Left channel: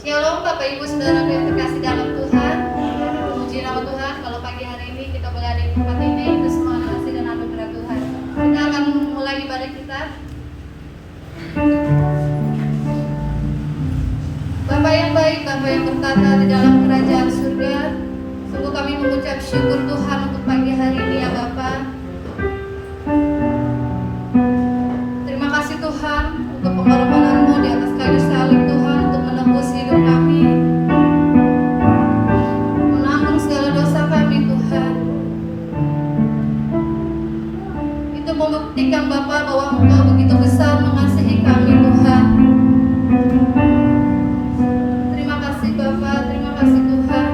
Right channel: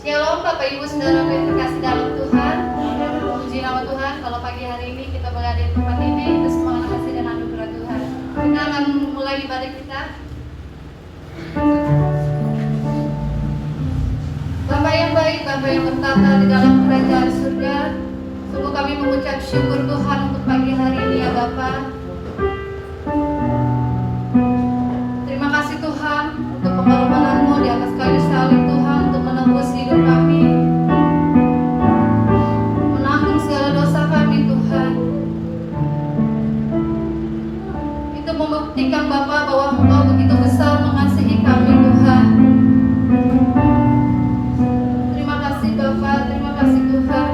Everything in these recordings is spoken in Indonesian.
Shalom Bapak Ibu Saudara yang terkasih dalam Tuhan. Puji nama Tuhan, kalau pagi hari ini kita berada di tempat ini, itu semua kasih dan anugerah Tuhan. Kita akan mulai ibadah kita. Bapa yang baik, Bapa yang bertata di dalam kerajaan surga, sungguh kami mengucap syukur Tuhan untuk pagi hari ini ya Bapa. Terima kasih Tuhan untuk pengorbanan-Mu di atas kayu salib Tuhan untuk menebus hidup kami, menanggung segala dosa kami Tuhan. Itu membuktikan Bapa bahwa Engkau begitu besar mengasihi kami Tuhan. Terima kasih Bapa, terima kasih Tuhan.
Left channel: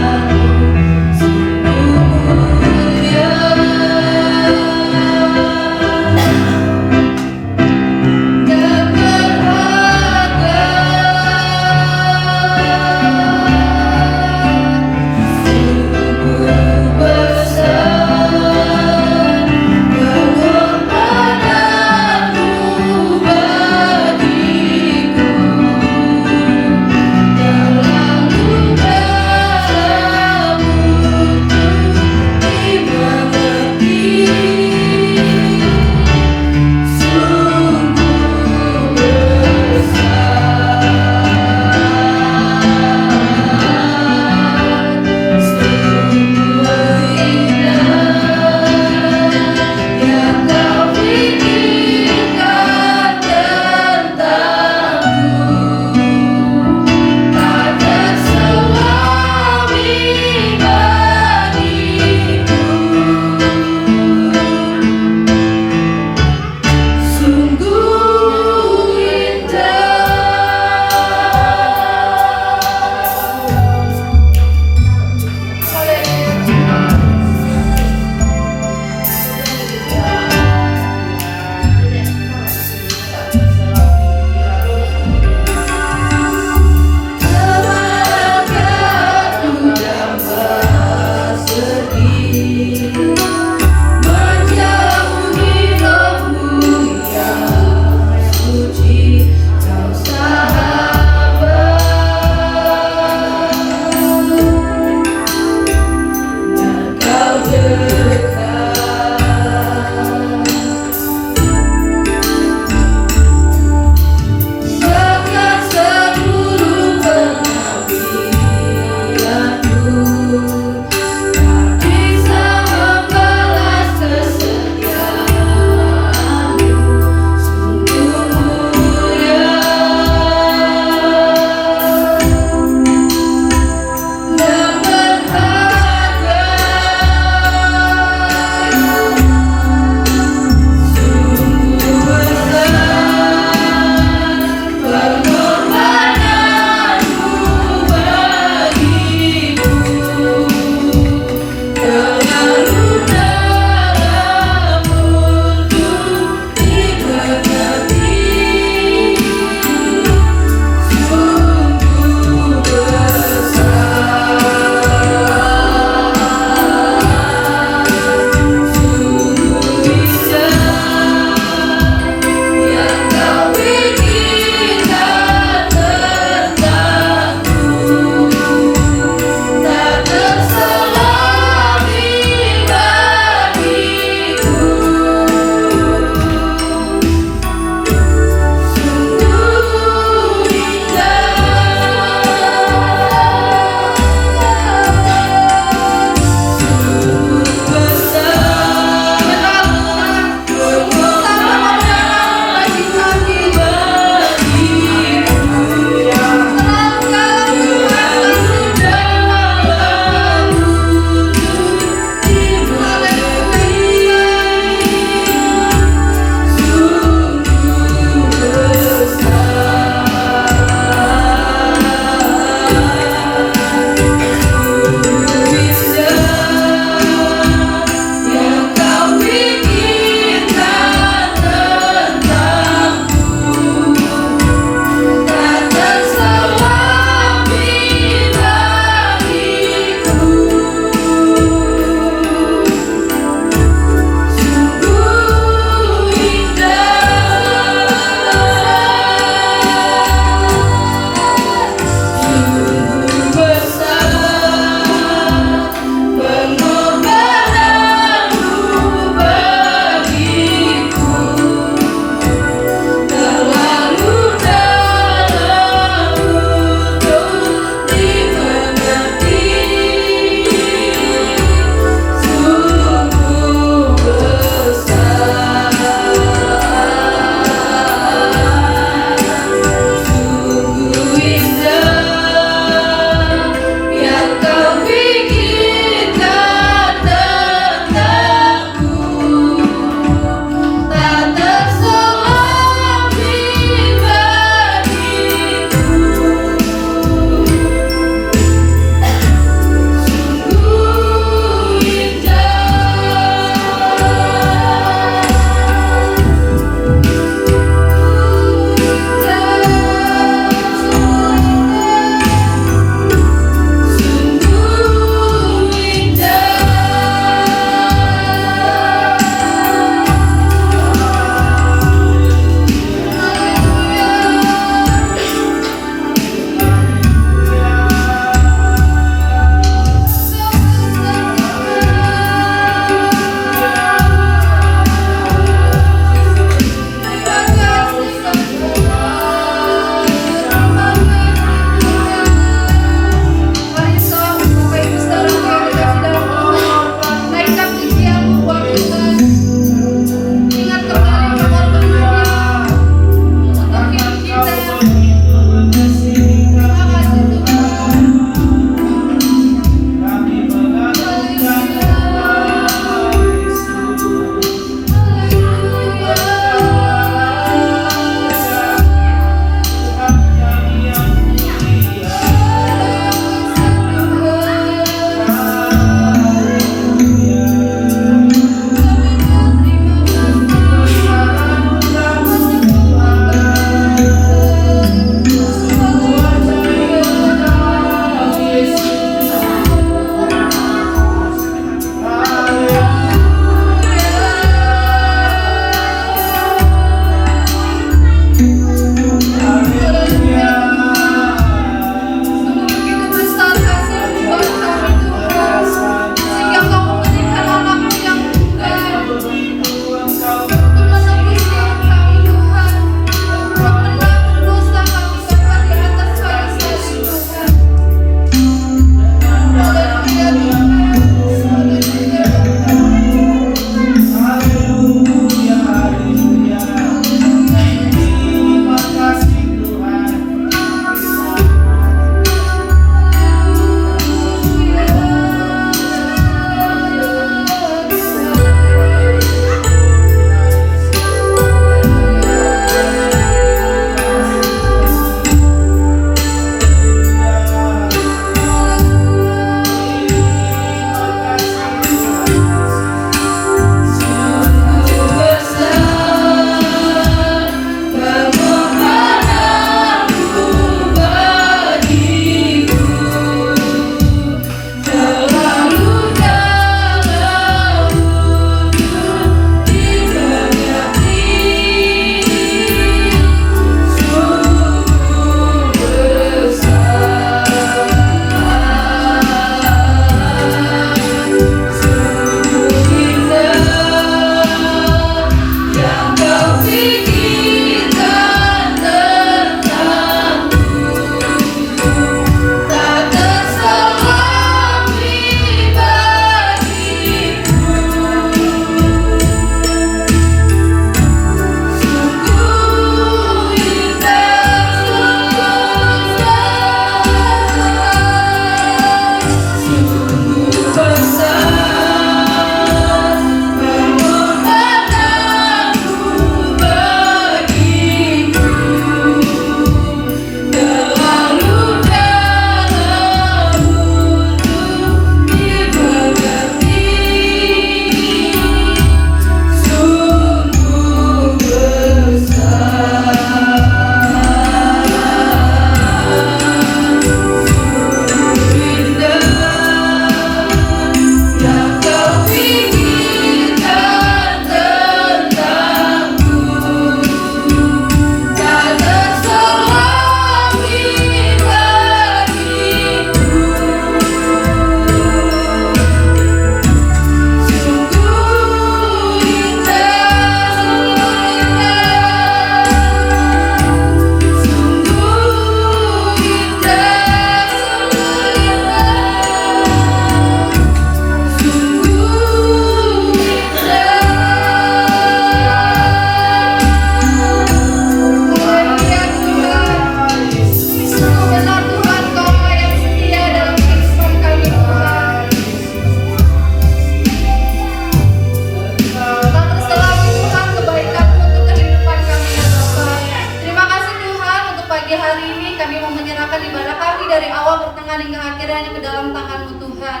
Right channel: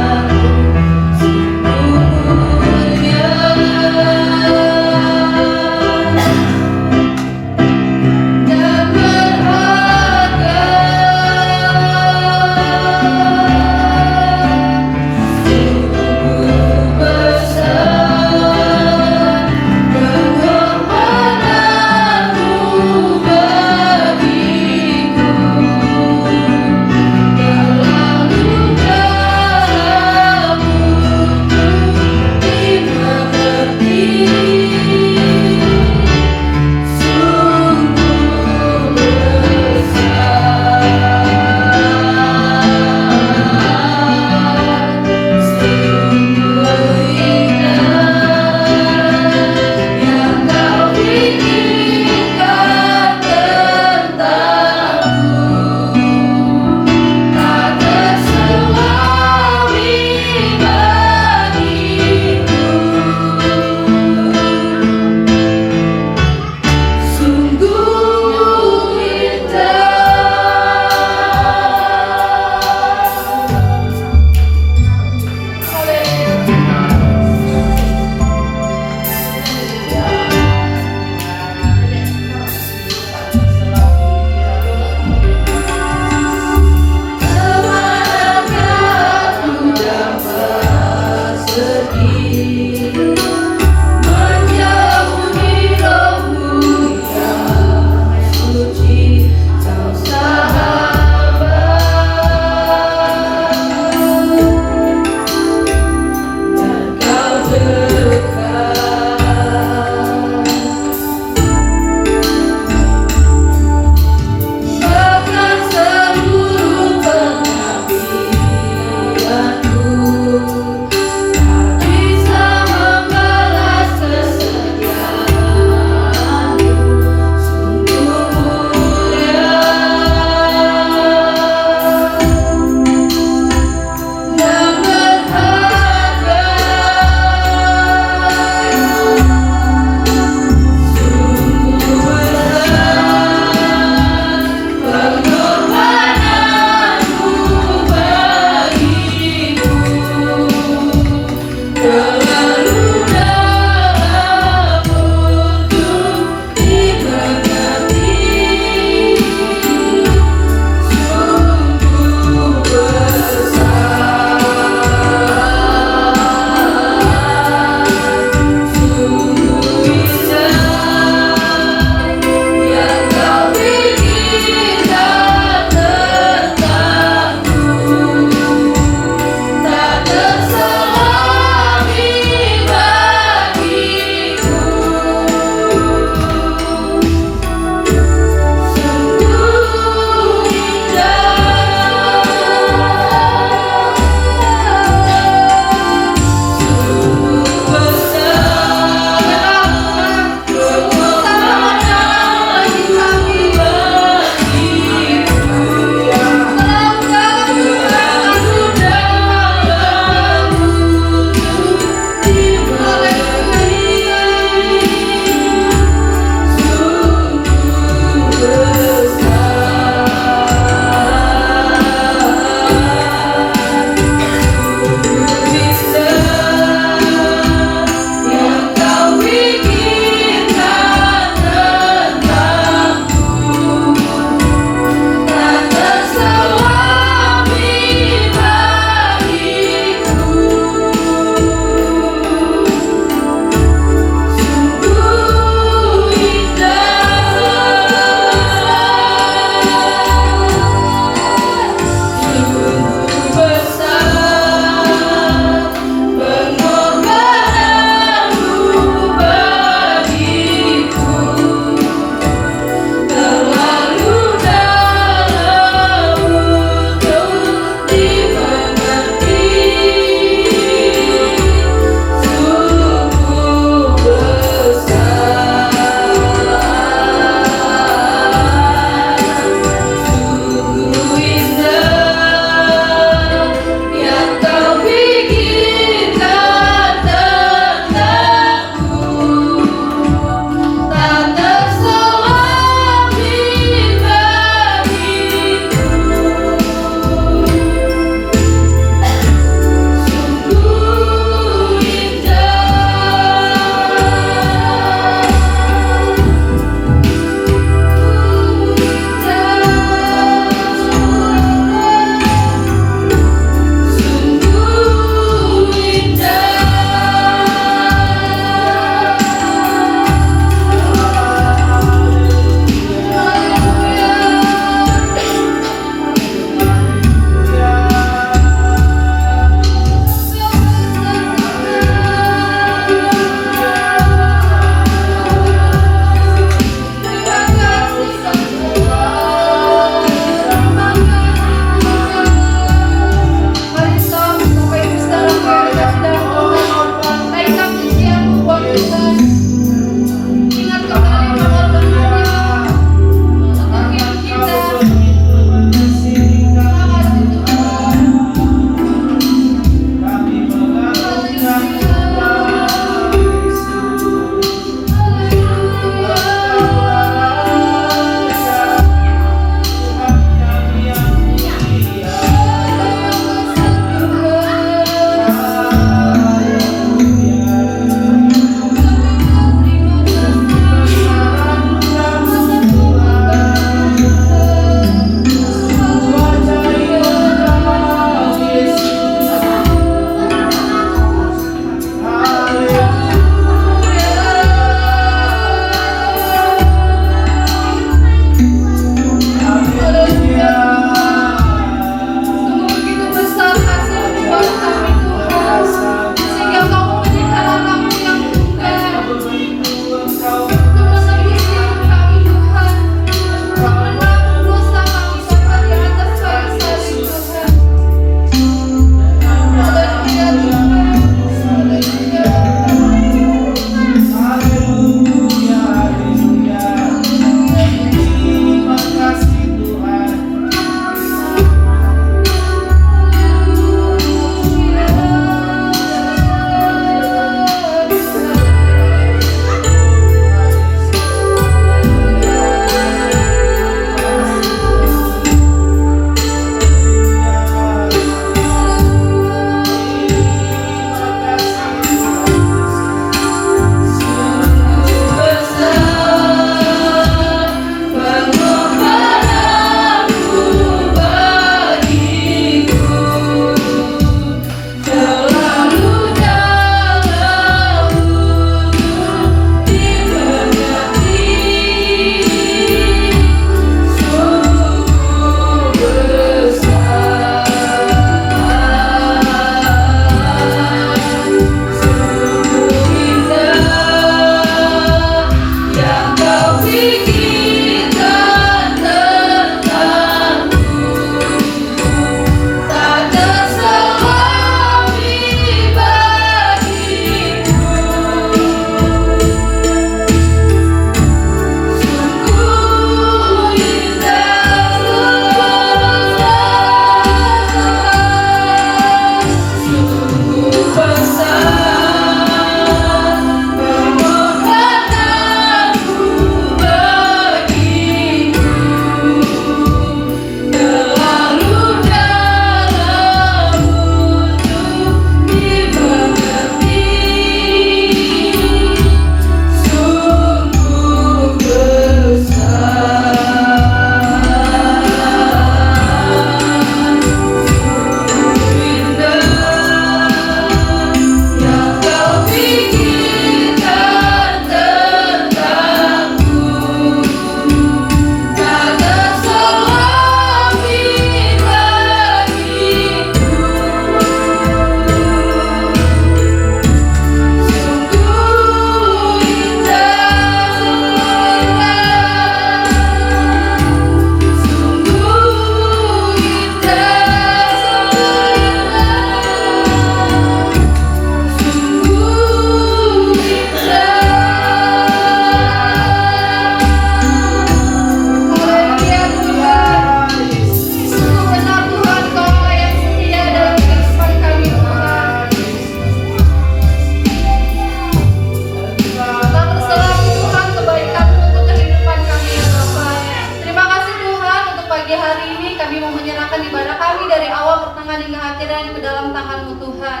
serahkan ibadah kami dari awal, pertengahan hingga akhirnya ke dalam tangan-Mu Tuhan.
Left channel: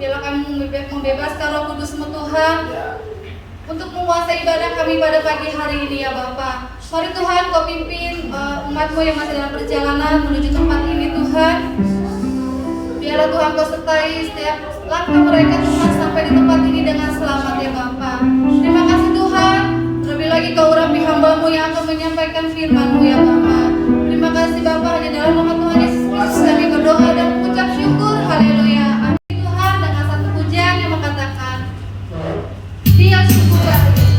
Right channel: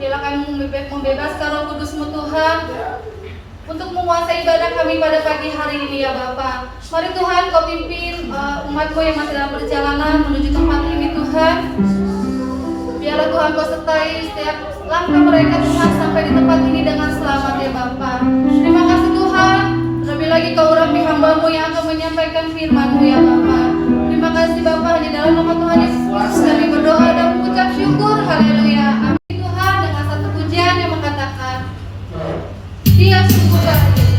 Biarlah kami membebaskan Roh Kudus-Mu Tuhan untuk menguasai ibadah kami pada pagi hari ini ya Bapa. Mari Tuhan Kau pimpin umat-Mu yang masih dalam perjalanan menuju tempat ini Tuhan. Biarlah Tuhan Kau sertai setiap langkah mereka Tuhan sampai di tempat ini dengan selamat ya Bapa. Terima kasih Tuhan. Terlebih lagi Kau urapi hamba-Mu yang akan menyampaikan firman-Mu ya Bapa. Terima kasih Bapa, di dalam nama Tuhan Yesus Kristus kami berdoa dan mengucap syukur. Haleluya. Amin Tuhan, dengan satu pujian yang mengatakan Dia syukurlah. Dia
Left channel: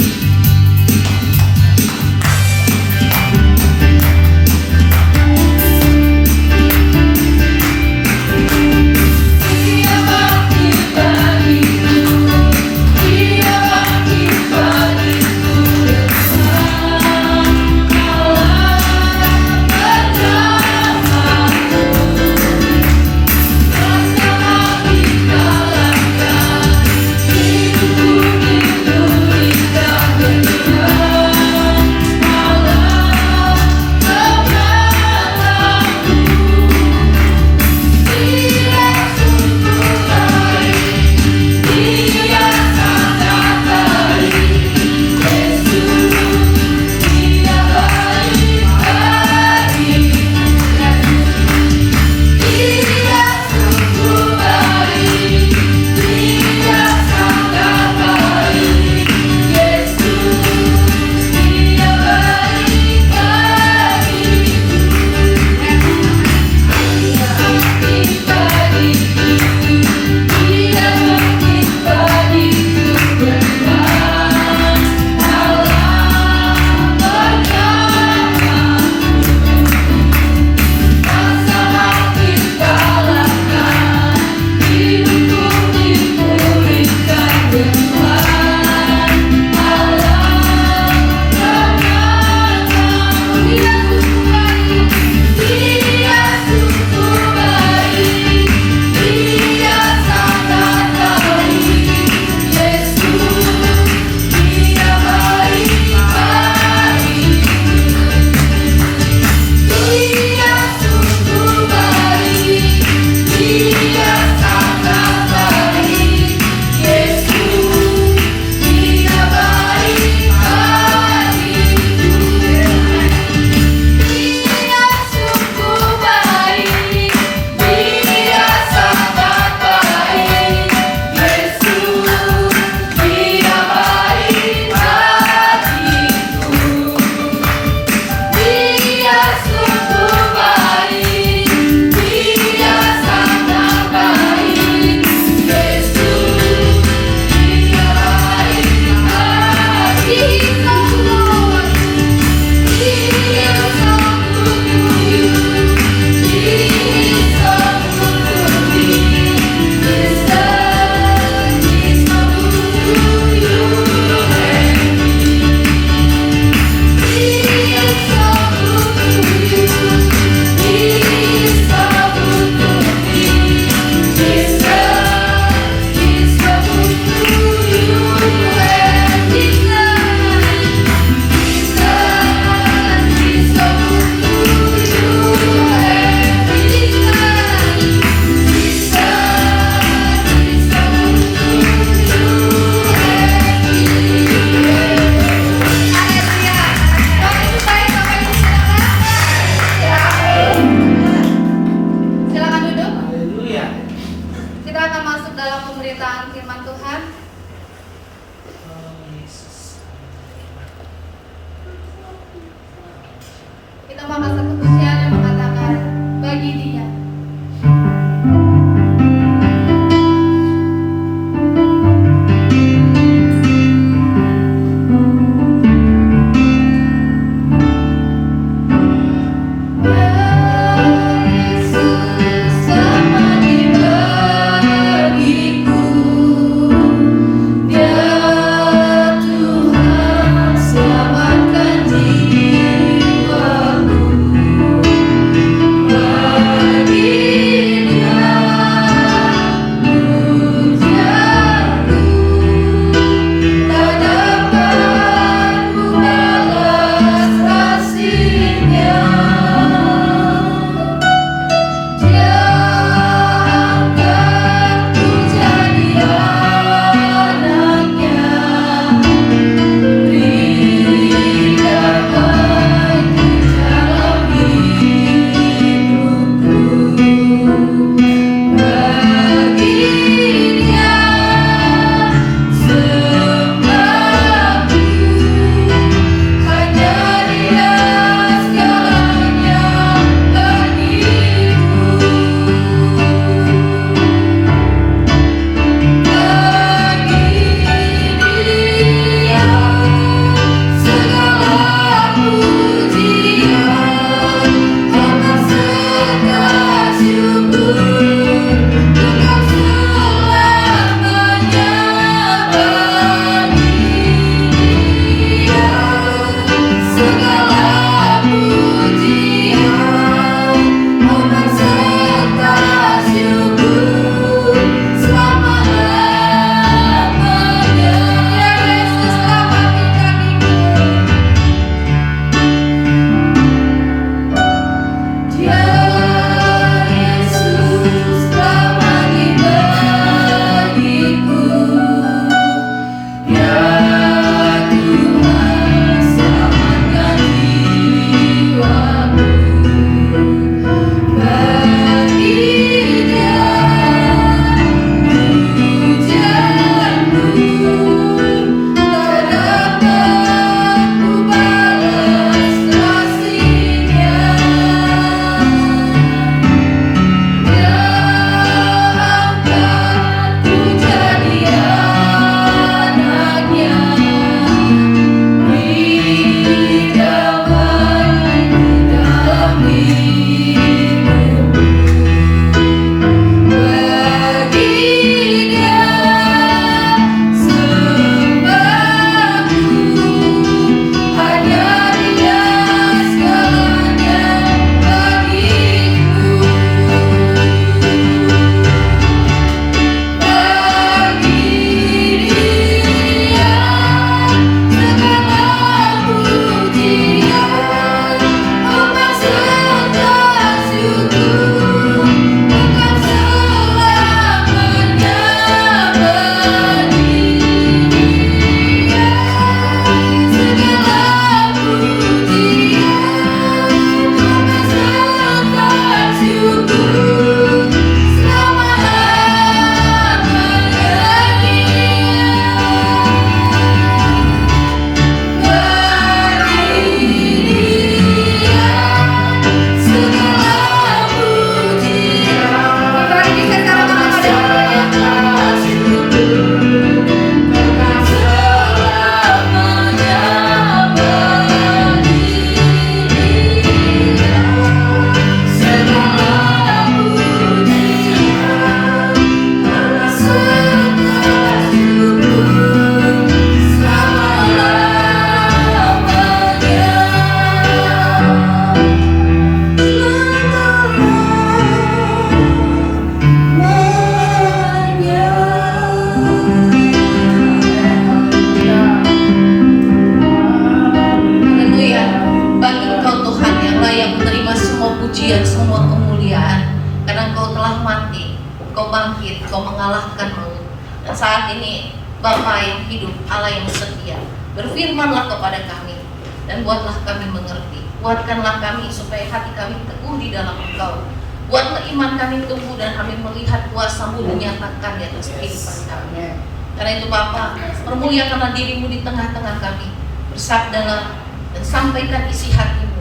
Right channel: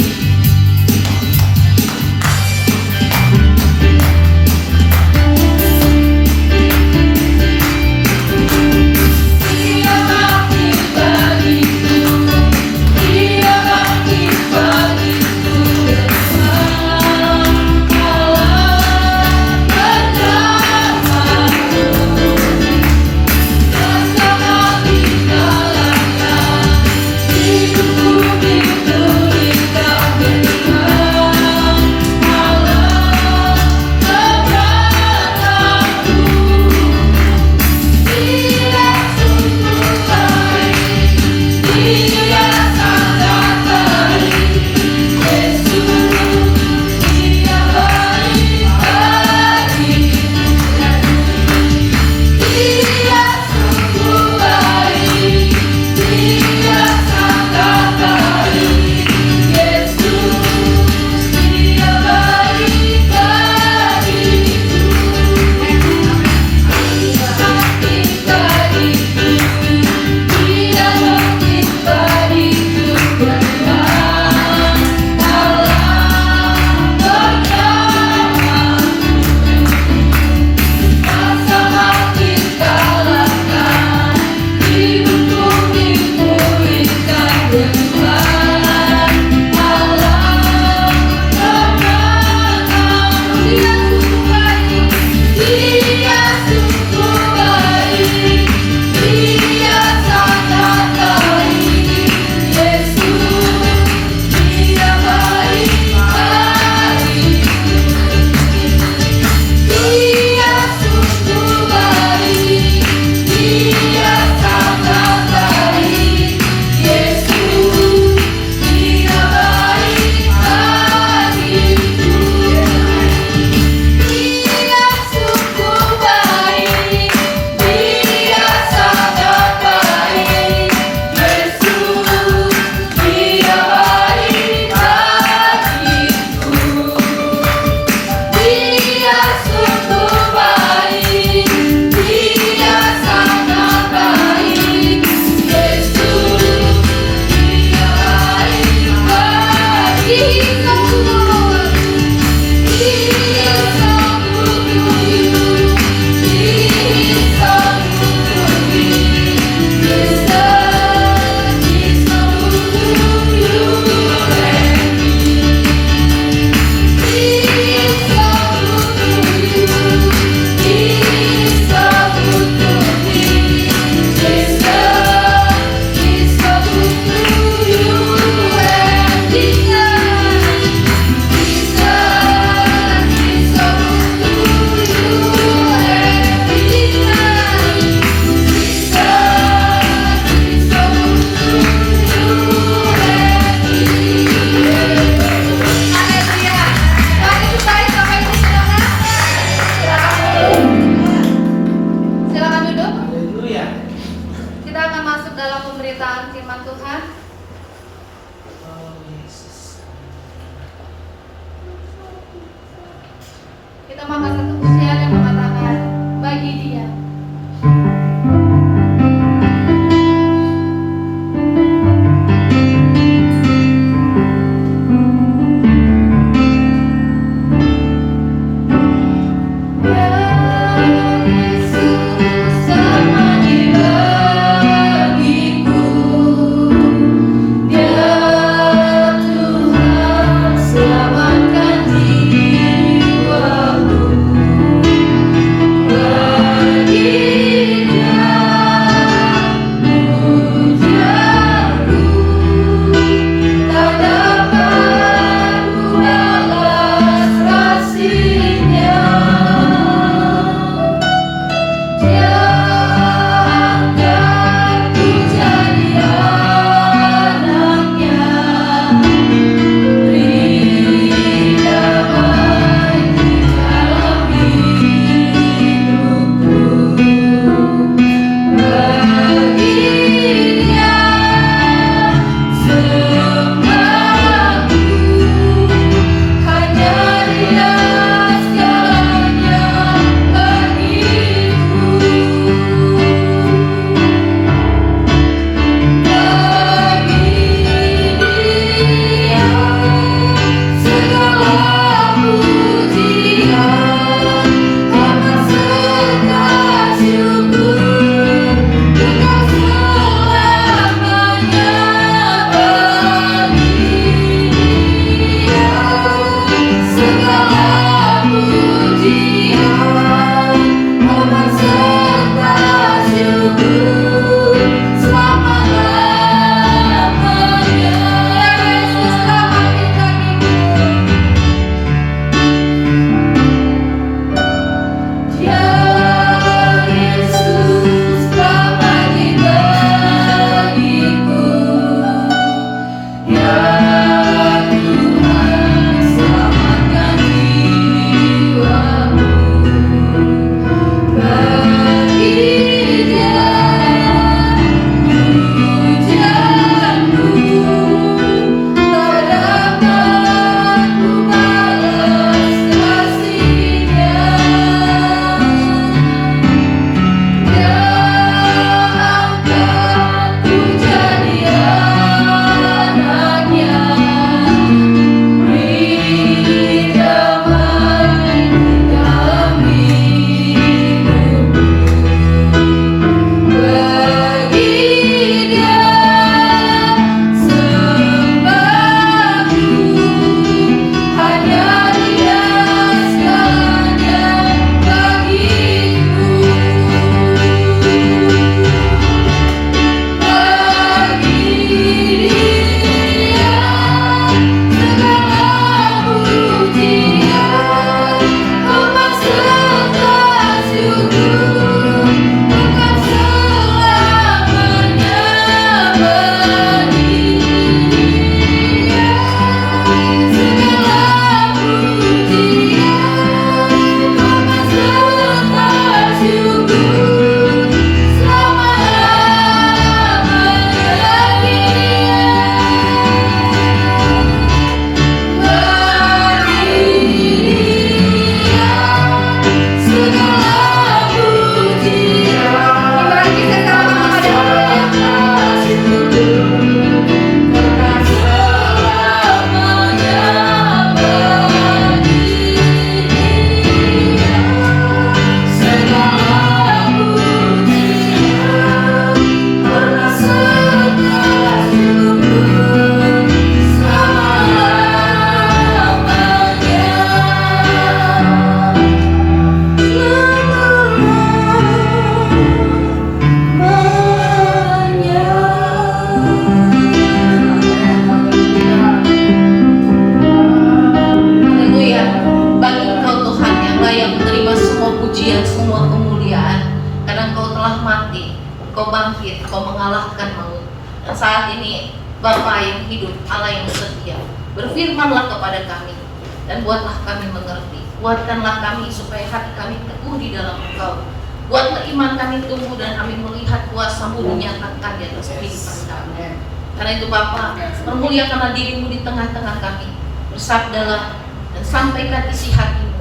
semua kemuliaan, karena Engkau telah mati, Engkau bangkit, Engkau mengalahkan maut. Dan saat ini Bapa yang hidup, Allah yang setia, berfirmanlah kepada kami dan buatlah kami mengerti. Buatkanlah kami supaya hati kami teguh di dalam Engkau. Buatlah iman kami tumbuh dan kami melihat kuasa-Mu dinyatakan di atas kehidupan kami. Karena itu Bapa, permuliakanlah diri-Mu di tengah-tengah kami. Bersabdalah dan sampaikan isi hati-Mu.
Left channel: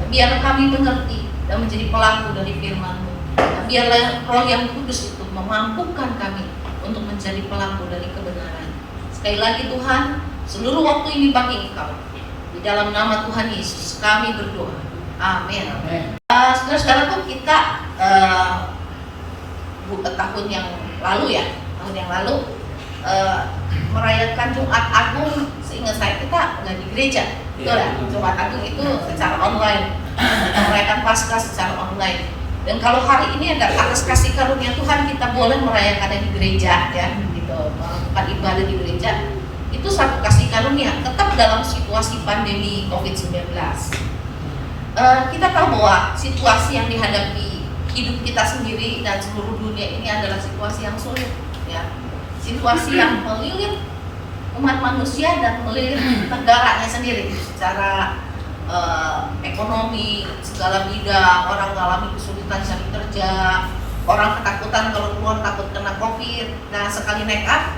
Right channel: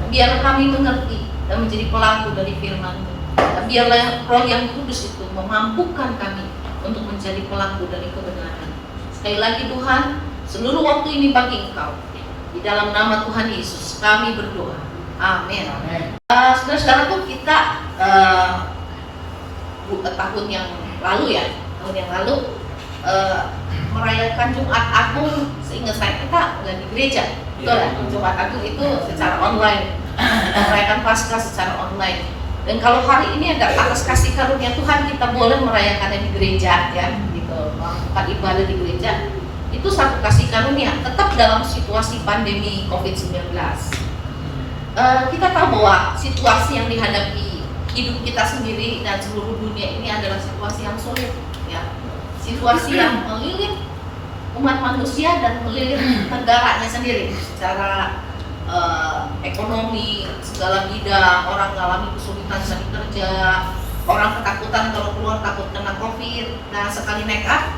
Dan biar kami mengerti dan menjadi pelaku dari firman-Mu. Dan biarlah Roh yang Kudus itu memampukan kami untuk menjadi pelaku dari kebenaran. Sekali lagi Tuhan, seluruh waktu ini bagi Engkau. Di dalam nama Tuhan Yesus kami berdoa. Amin. Saudara-saudaraku, kita tahun yang lalu merayakan Jumat Agung. Seingat saya kita nggak di gereja, betul ya? Jumat Agung itu secara online, kita merayakan Paskah secara online. Dan kalau hari ini agak atas kasih karunia Tuhan kita boleh merayakannya di gereja, ya, gitu, melakukan ibadah di gereja. Itu satu kasih karunia, tetap dalam situasi pandemi COVID-19. Kita tahu bahwa situasi yang dihadapi hidup kita sendiri dan seluruh dunia ini adalah situasi yang sulit, ya. Situasi yang melilit umat manusia dan melilit negaranya sendiri secara ekonomi, segala bidang. Orang mengalami kesulitan cari kerja, orang ketakutan kalau keluar takut kena COVID. Nah, sekali make up,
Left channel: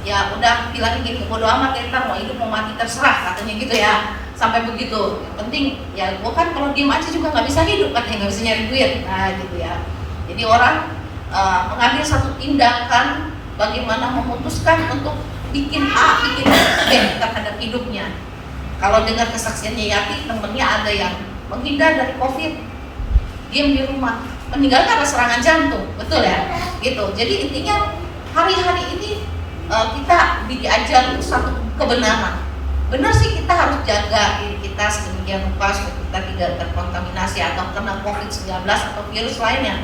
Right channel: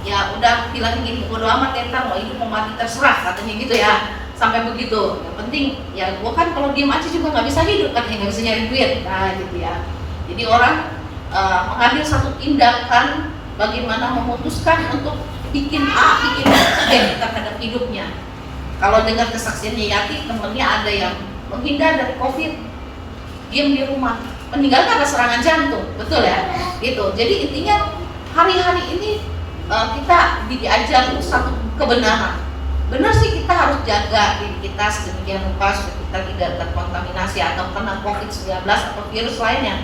ya udah bilangin gini, bodo amat entar mau hidup mau mati terserah, katanya gitu ya. Sampai begitu. Yang penting ya gua kan kalau diem aja juga nggak bisa hidup, katanya nggak bisa nyari duit. Nah gitu ya. Jadi orang mengambil satu tindakan bagaimana memutuskan untuk bikin A, bikin B terhadap hidupnya. Kalau dengar kesaksiannya Yati, temennya ada yang menghindar dari COVID, diam di rumah, meninggal karena serangan jantung, betul ya? Gitu. Jadi intinya hari-hari ini kita diajar satu kebenaran. Benar sih kita harus jaga diri kita sedemikian rupa supaya kita tidak terkontaminasi atau kena COVID-19 atau virus lainnya.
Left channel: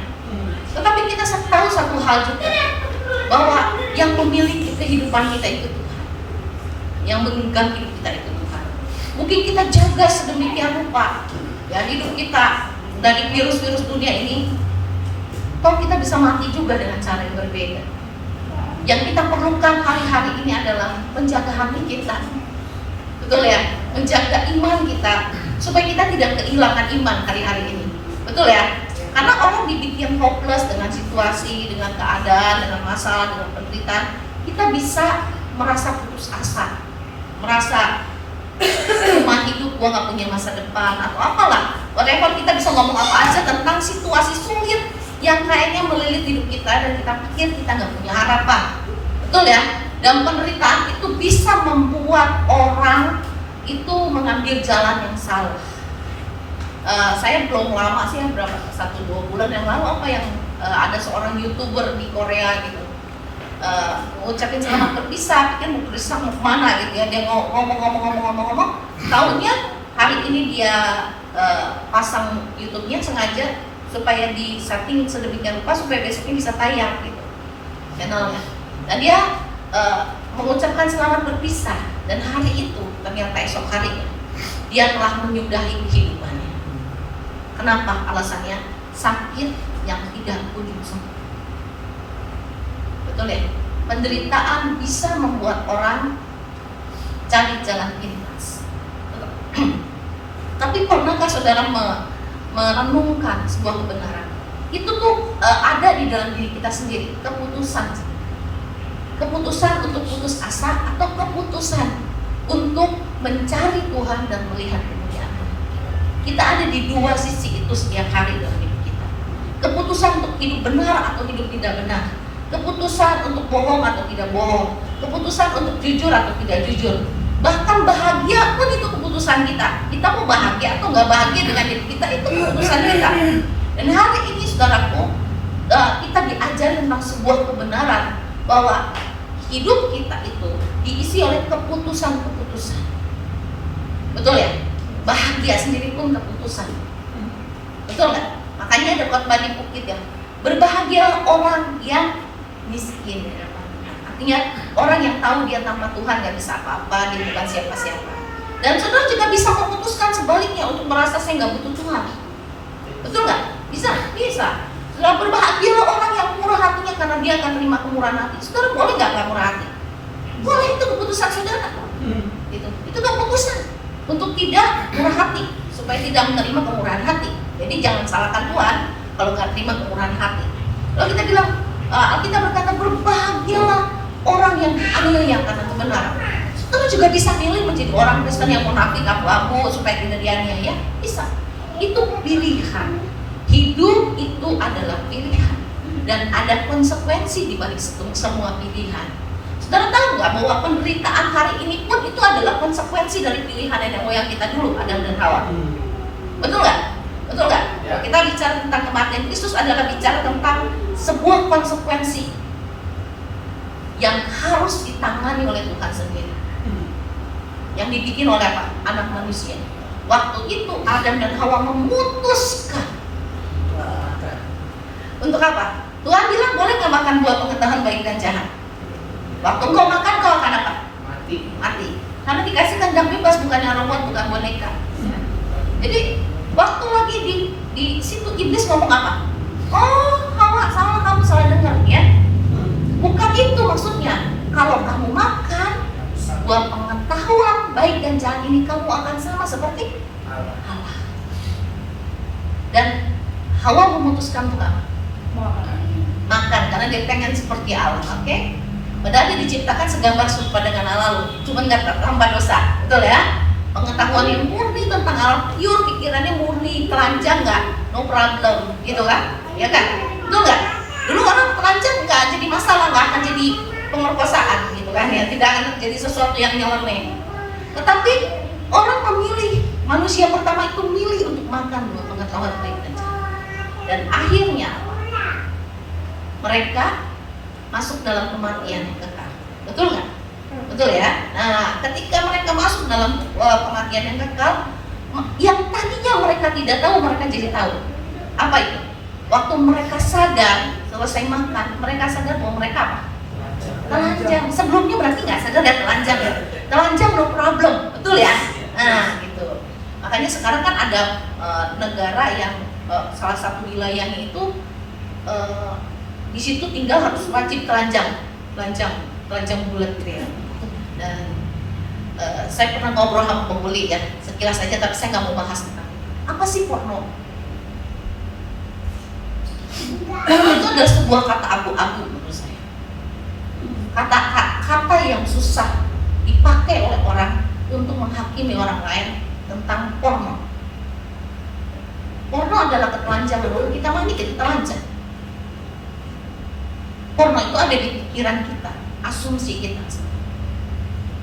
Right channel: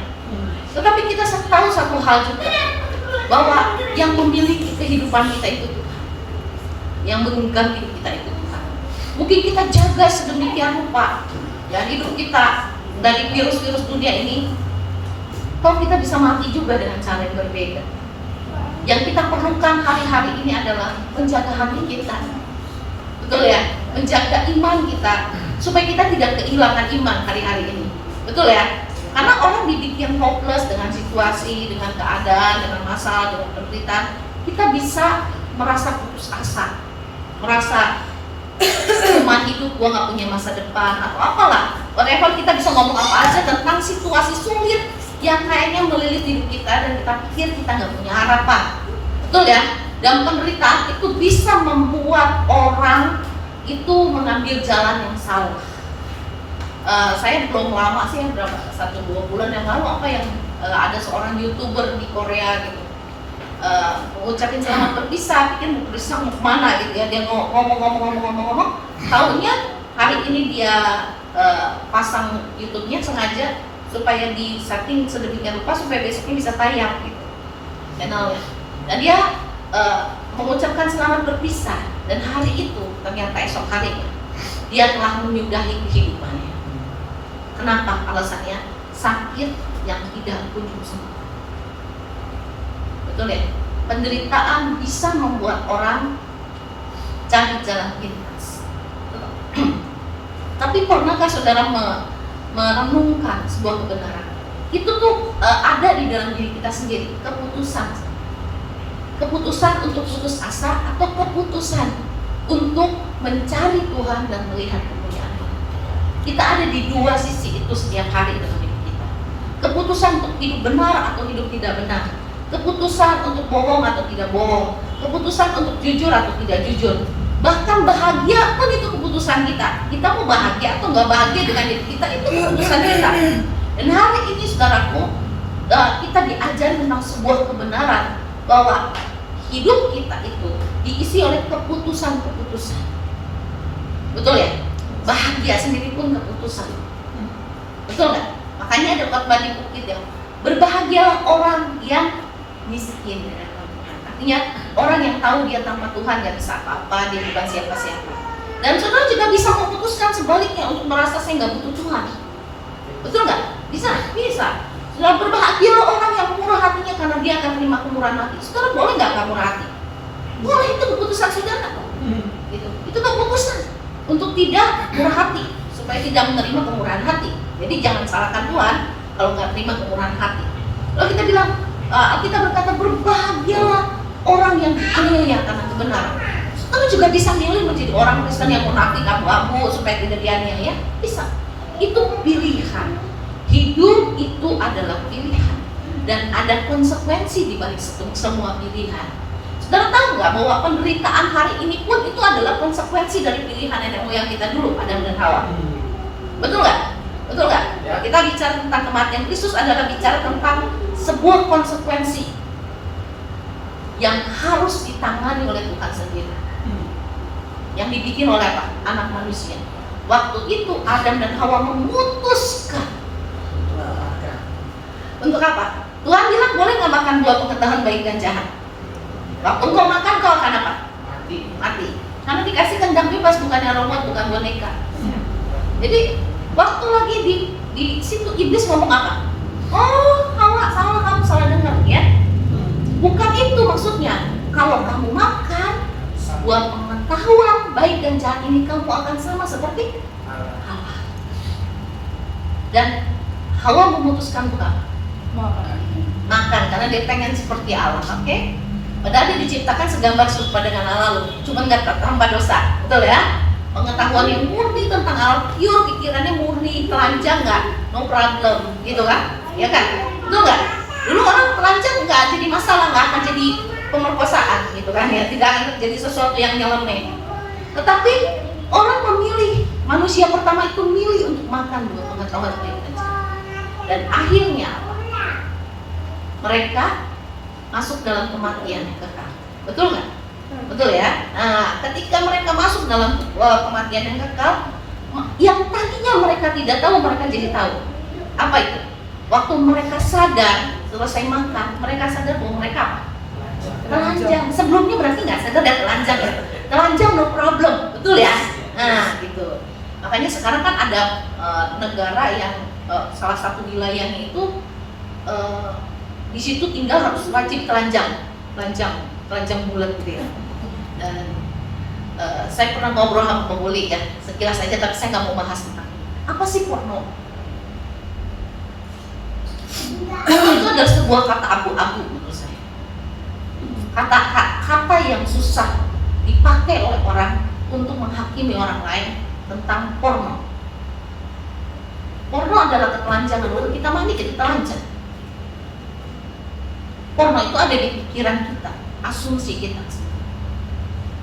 Tetapi kita tahu satu hal juga, bahwa yang memiliki kehidupan kita itu Tuhan, yang menggenggam hidup kita itu Tuhan. Mungkin kita jaga sedemikian rupa ya hidup kita dari virus-virus dunia ini, toh kita bisa mati juga dengan cara yang berbeda. Yang kita perlukan hari-hari ini adalah menjaga hati kita, betul ya, menjaga iman kita supaya kita tidak kehilangan iman hari-hari ini, betul ya. Karena orang dibikin hopeless dengan situasi, dengan keadaan, dengan masalah, dengan penderitaan, kita bisa merasa putus asa, merasa cuma hidup gua nggak punya masa depan atau apalah, whatever. Kita bisa ngomong apa aja tentang situasi sulit yang kayaknya melilit hidup kita dan kita pikir kita nggak punya harapan, betul ya. Dan penderitaan itu bisa membuat orang itu mengambil jalan yang salah. Saya belum lama sih, berapa 1-2 bulan yang lalu ada seorang YouTuber di Korea gitu, mengucapin selamat berpisah, pikir mau berpisah mau kemana gitu ya, dia ngomong, tahunya hari ini dia pasang YouTube-nya sengaja supaya di setting sedemikian rupa supaya besoknya bisa tayang gitu channelnya. Dan dia mengucapkan selamat berpisah, dan hari itu ternyata esok harinya dia telah menyudahi kehidupannya. Kenapa? Alasannya sakit yang tidak kunjung sembuh. Betul ya? Penderitaan bisa membuat orang cari jalan pintas. Tapi pernahkah saudara merenungkan sebuah kebenaran? Itu tuh ada di dalam diri kita sendiri, keputusan untuk putus asa atau keputusan untuk mencari Tuhan dan melihat kemuliaan Tuhan. Kita ada di dua sisi itu setiap hari dalam hidup kita. Keputusan untuk hidup benar atau hidup tidak benar, keputusan untuk bohong atau tidak bohong, keputusan untuk jujur atau tidak jujur. Bahkan bahagia pun itu keputusan kita. Kita mau bahagia atau nggak bahagia dengan hidup kita, itu keputusan kita. Dan hari ini saudaraku, kita diajari tentang sebuah kebenaran bahwa hidup kita itu diisi oleh keputusan-keputusan. Betul ya? Bahagia sendiri pun keputusan. Betul nggak? Makanya ada khotbah di Bukit yang berbahagia orang yang miskin ya. Artinya orang yang tahu dia tanpa Tuhan gak bisa apa-apa, dia bukan siapa-siapa. Dan saudara juga bisa memutuskan sebaliknya untuk merasa saya nggak butuh Tuhan. Betul nggak? Bisa. Bisa. Sudah berbahagialah orang yang murah hatinya karena dia akan terima kemurahan hati. Saudara boleh nggak murah hati? Boleh, itu keputusan saudara. Gitu. Itu keputusan untuk tidak murah hati, supaya tidak menerima kemurahan hati. Jadi jangan salahkan Tuhan kalau nggak terima kemurahan hati. Lalu kita bilang, kita berkata berbahagialah orang yang dianiaya karena kebenaran. Saudara juga bisa milih menjadi orang Kristen yang munafik, abu-abu supaya tidak dianiaya. Bisa. Itu pilihan. Hidup itu adalah pilihan, dan ada konsekuensi di balik semua pilihan. Saudara tahu nggak bahwa penderitaan hari ini pun itu adalah konsekuensi dari pilihan nenek moyang kita dulu, Adam dan Hawa. Betul nggak? Betul nggak? Kita bicara tentang kematian Kristus adalah bicara tentang sebuah konsekuensi yang harus ditangani oleh Tuhan sendiri, yang dibikin oleh apa? Anak manusia. Waktu itu Adam dan Hawa memutuskan. Untuk apa? Tuhan bilang boleh nggak makan buah pengetahuan baik dan jahat. Waktu kau makan kau akan apa? Mati. Karena dikasih kandang bebas, bukannya robot, bukan boneka. Jadi waktu lagi di situ iblis ngomong apa? Oh, Hawa, salah, kamu salah dengar ya. Bukan itu maksudnya. Kalau kamu makan buah pengetahuan baik dan jahat ini, kamu akan sama seperti Hawa. Dan Hawa memutuskan untuk apa? Makan, karena dia pengen seperti Allah, oke? Padahal dia diciptakan segambar serupa dengan Allah loh, cuma nggak terhamba dosa, betul ya? Pengetahuan yang murni tentang Allah, pure, pikirannya murni, telanjang nggak? No problem, gitu kan? Ya kan? Betul nggak? Dulu orang telanjang nggak jadi masalah, nggak akan jadi pemerkosaan, gitu kan? Ya, tidak akan jadi sesuatu yang nyeleneh. Tetapi orang memilih, manusia pertama itu milih untuk makan buah pengetahuan baik dan jahat. Dan akhirnya mereka masuk dalam kematian yang kekal. Betul nggak? Betul ya? Nah, ketika mereka masuk dalam kematian yang kekal, yang tadinya mereka tidak tahu, mereka jadi tahu. Apa itu? Waktu mereka sadar, selesai makan, mereka sadar bahwa mereka apa? Telanjang. Sebelumnya berarti nggak sadar ya telanjang ya? Telanjang no problem, betul ya? Nah, gitu. Makanya sekarang kan ada negara yang salah satu wilayahnya itu di situ tinggal harus wajib telanjang bulat gitu ya. Dan saya pernah ngobrol sama pembuli ya, sekilas saja, tapi saya nggak mau bahas tentang apa sih porno. Porno itu adalah sebuah kata abu-abu menurut saya. Kata yang susah dipakai oleh orang untuk menghakimi orang lain tentang porno. Porno adalah ketelanjangan. Lalu kita mandi, kita telanjang. Porno itu ada di pikiran kita, asumsi kita.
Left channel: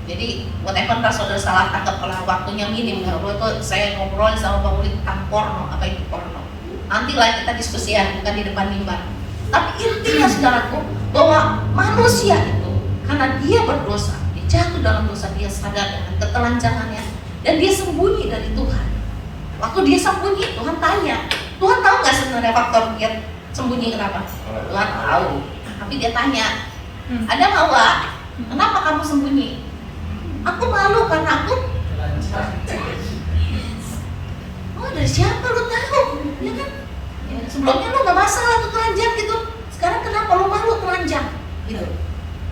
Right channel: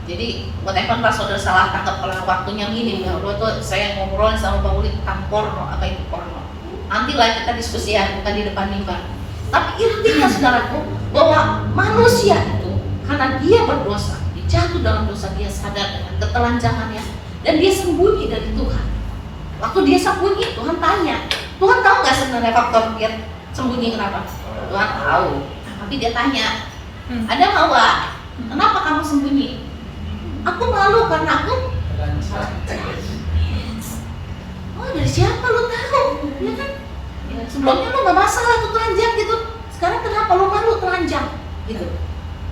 Jadi whatever saudara salah tangkap kalau waktunya minim, kalau itu saya ngobrol sama Bang Uli tentang porno, apa itu porno. Nanti lah kita diskusi ya, bukan di depan mimbar. Tapi intinya saudaraku, bahwa manusia itu karena dia berdosa, dia jatuh dalam dosa, dia sadar dengan ketelanjangannya, dan dia sembunyi dari Tuhan. Waktu dia sembunyi, Tuhan tanya, Tuhan tahu nggak sebenarnya faktor dia sembunyi kenapa? Tuhan tahu. Tapi dia tanya, ada Hawa, kenapa kamu sembunyi? Aku malu karena aku. Oh, dari siapa lu tahu? Ya kan? Ya, sebelumnya lu nggak masalah tuh telanjang gitu. Sekarang kenapa lu malu telanjang? Gitu.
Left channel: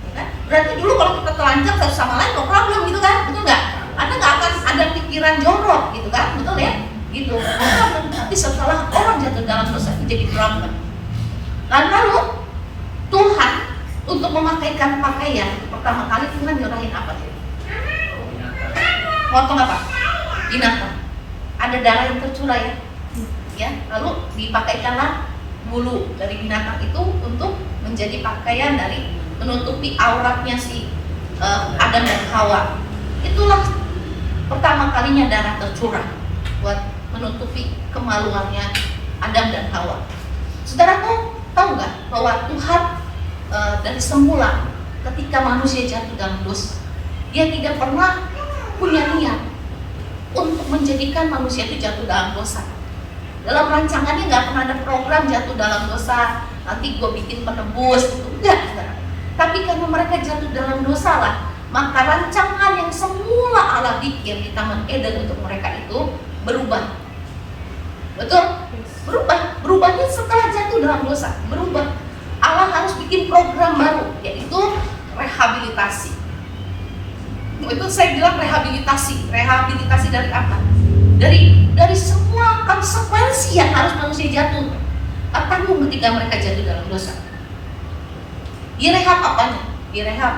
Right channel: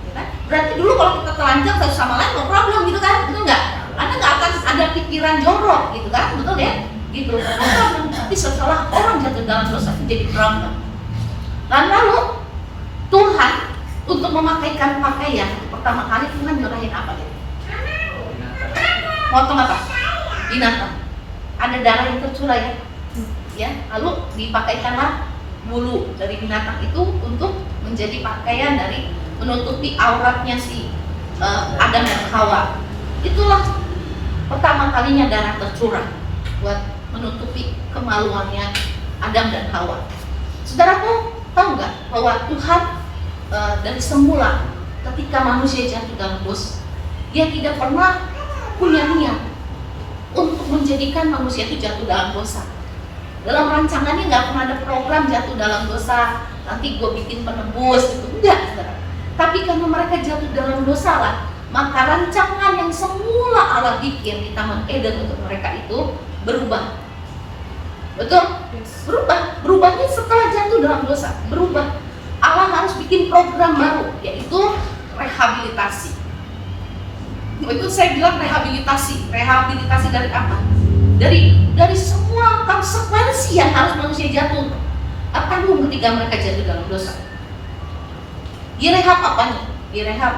Ya kan? Berarti dulu kalau kita telanjang satu sama lain no problem gitu kan? Betul nggak? Anda nggak akan ada pikiran jorok gitu kan? Betul ya? Gitu. Tapi setelah orang jatuh dalam dosa itu jadi problem. Lalu Tuhan untuk memakaikan pakaian pertama kali Tuhan nyerahin apa dia? Potong apa? Binatang. Ada darah yang tercurah ya. Lalu dipakaikanlah bulu dari binatang itu untuk menjadi pakaian dari menutupi auratnya si Adam dan Hawa. Itulah pertama kalinya darah tercurah buat menutupi kemaluannya Adam dan Hawa. Saudaraku, tahu nggak bahwa Tuhan dari semula ketika manusia jatuh dalam dosa, dia tidak pernah punya niat untuk menjadikan manusia itu jatuh dalam dosa. Dalam rancangannya nggak pernah ada program jatuh dalam dosa, nanti gue bikin penebus gitu, enggak. Tapi karena mereka jatuh dalam dosa lah, maka rancangan yang semula Allah bikin di Taman Eden untuk mereka itu berubah. Betul? Berubah. Berubahnya setelah dalam dosa, berubah. Allah harus bikin program baru, yaitu rehabilitasi. Itu saya bilang rehabilitasi dari apa? Dari semua konsekuensi yang harus manusia jatuh tanggung ketika mereka jatuh dalam dosa. Direhab apanya? Direhab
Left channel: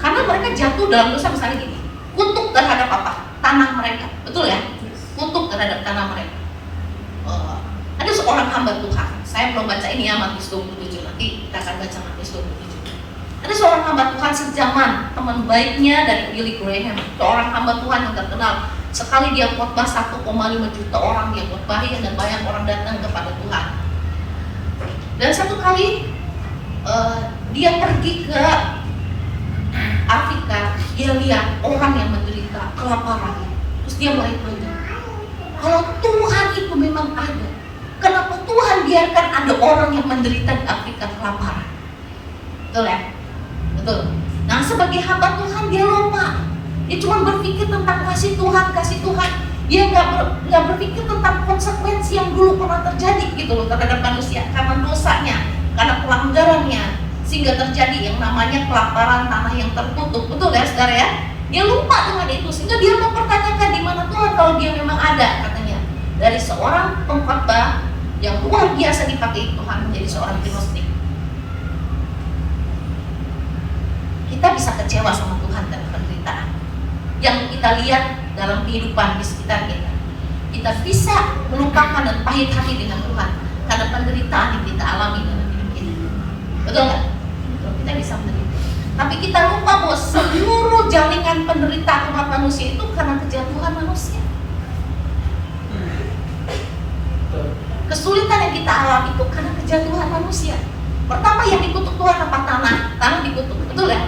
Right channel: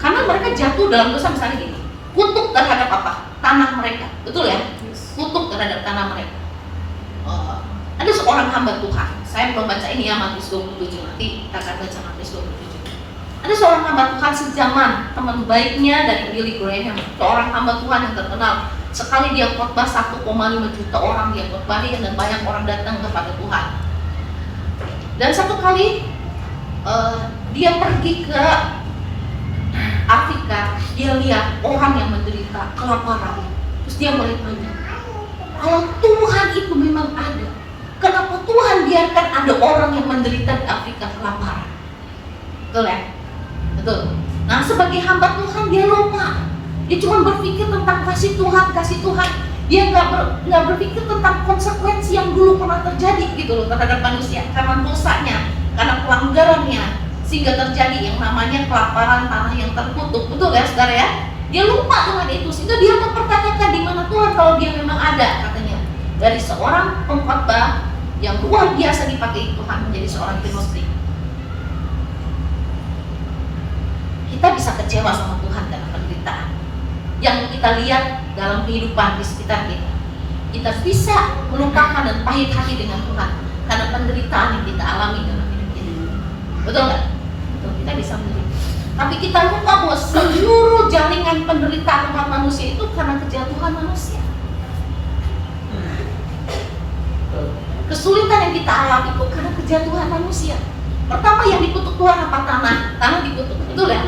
karena mereka jatuh dalam dosa, misalnya gini, kutuk terhadap apa? Tanah mereka, betul ya? Kutuk terhadap tanah mereka. Ada seorang hamba Tuhan, saya belum baca ini ya, Matius 27, nanti kita akan baca Matius 27. Ada seorang hamba Tuhan sejaman, teman baiknya dari Billy Graham, seorang hamba Tuhan yang terkenal. Sekali dia khotbah 1,5 juta orang dia khotbahin dan banyak orang datang kepada Tuhan. Dan satu kali dia pergi ke Afrika, dia lihat orang yang menderita kelaparan. Terus dia mulai tanya, kalau Tuhan itu memang ada, kenapa Tuhan biarkan ada orang yang menderita di Afrika kelaparan? Betul ya? Betul. Nah, sebagai hamba Tuhan dia lupa. Dia cuma berpikir tentang kasih Tuhan. Dia nggak berpikir tentang konsekuensi yang dulu pernah terjadi gitu loh terhadap manusia karena dosanya, karena pelanggarannya, sehingga terjadi yang namanya kelaparan, tanah yang tertutup. Betul ya saudara ya? Dia lupa dengan itu sehingga dia mempertanyakan di mana Tuhan kalau dia memang ada, katanya. Dari seorang pengkhotbah yang luar biasa dipakai Tuhan menjadi seorang gnostik. Kita bisa kecewa sama Tuhan karena penderitaan yang kita lihat dalam kehidupan di sekitar kita. Kita bisa melupakan dan pahit hati dengan Tuhan karena penderitaan yang kita alami dalam hidup kita. Betul nggak? Betul, kita bisa menderita. Tapi kita lupa bahwa seluruh jaringan penderitaan umat manusia itu karena kejatuhan manusia. Kesulitan yang kita alami itu karena kejatuhan manusia. Pertama yang dikutuk Tuhan apa? Tanah dikutuk, betul ya?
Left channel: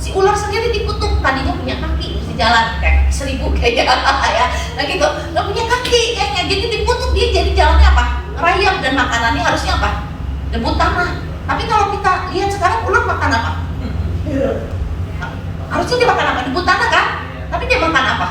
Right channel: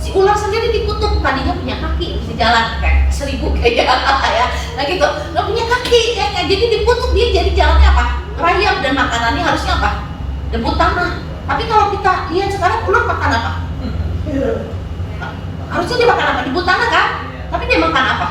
Si ular sendiri dikutuk, tadinya punya kaki, bisa jalan kayak 1000 kayak ya, nah gitu, nggak punya kaki kayaknya, jadi dikutuk, dia jadi jalannya apa? Rayap, dan makanannya harusnya apa? Debu tanah. Tapi kalau kita lihat sekarang ular makan apa? Harusnya dia makan apa? Debu tanah kan? Tapi dia makan apa?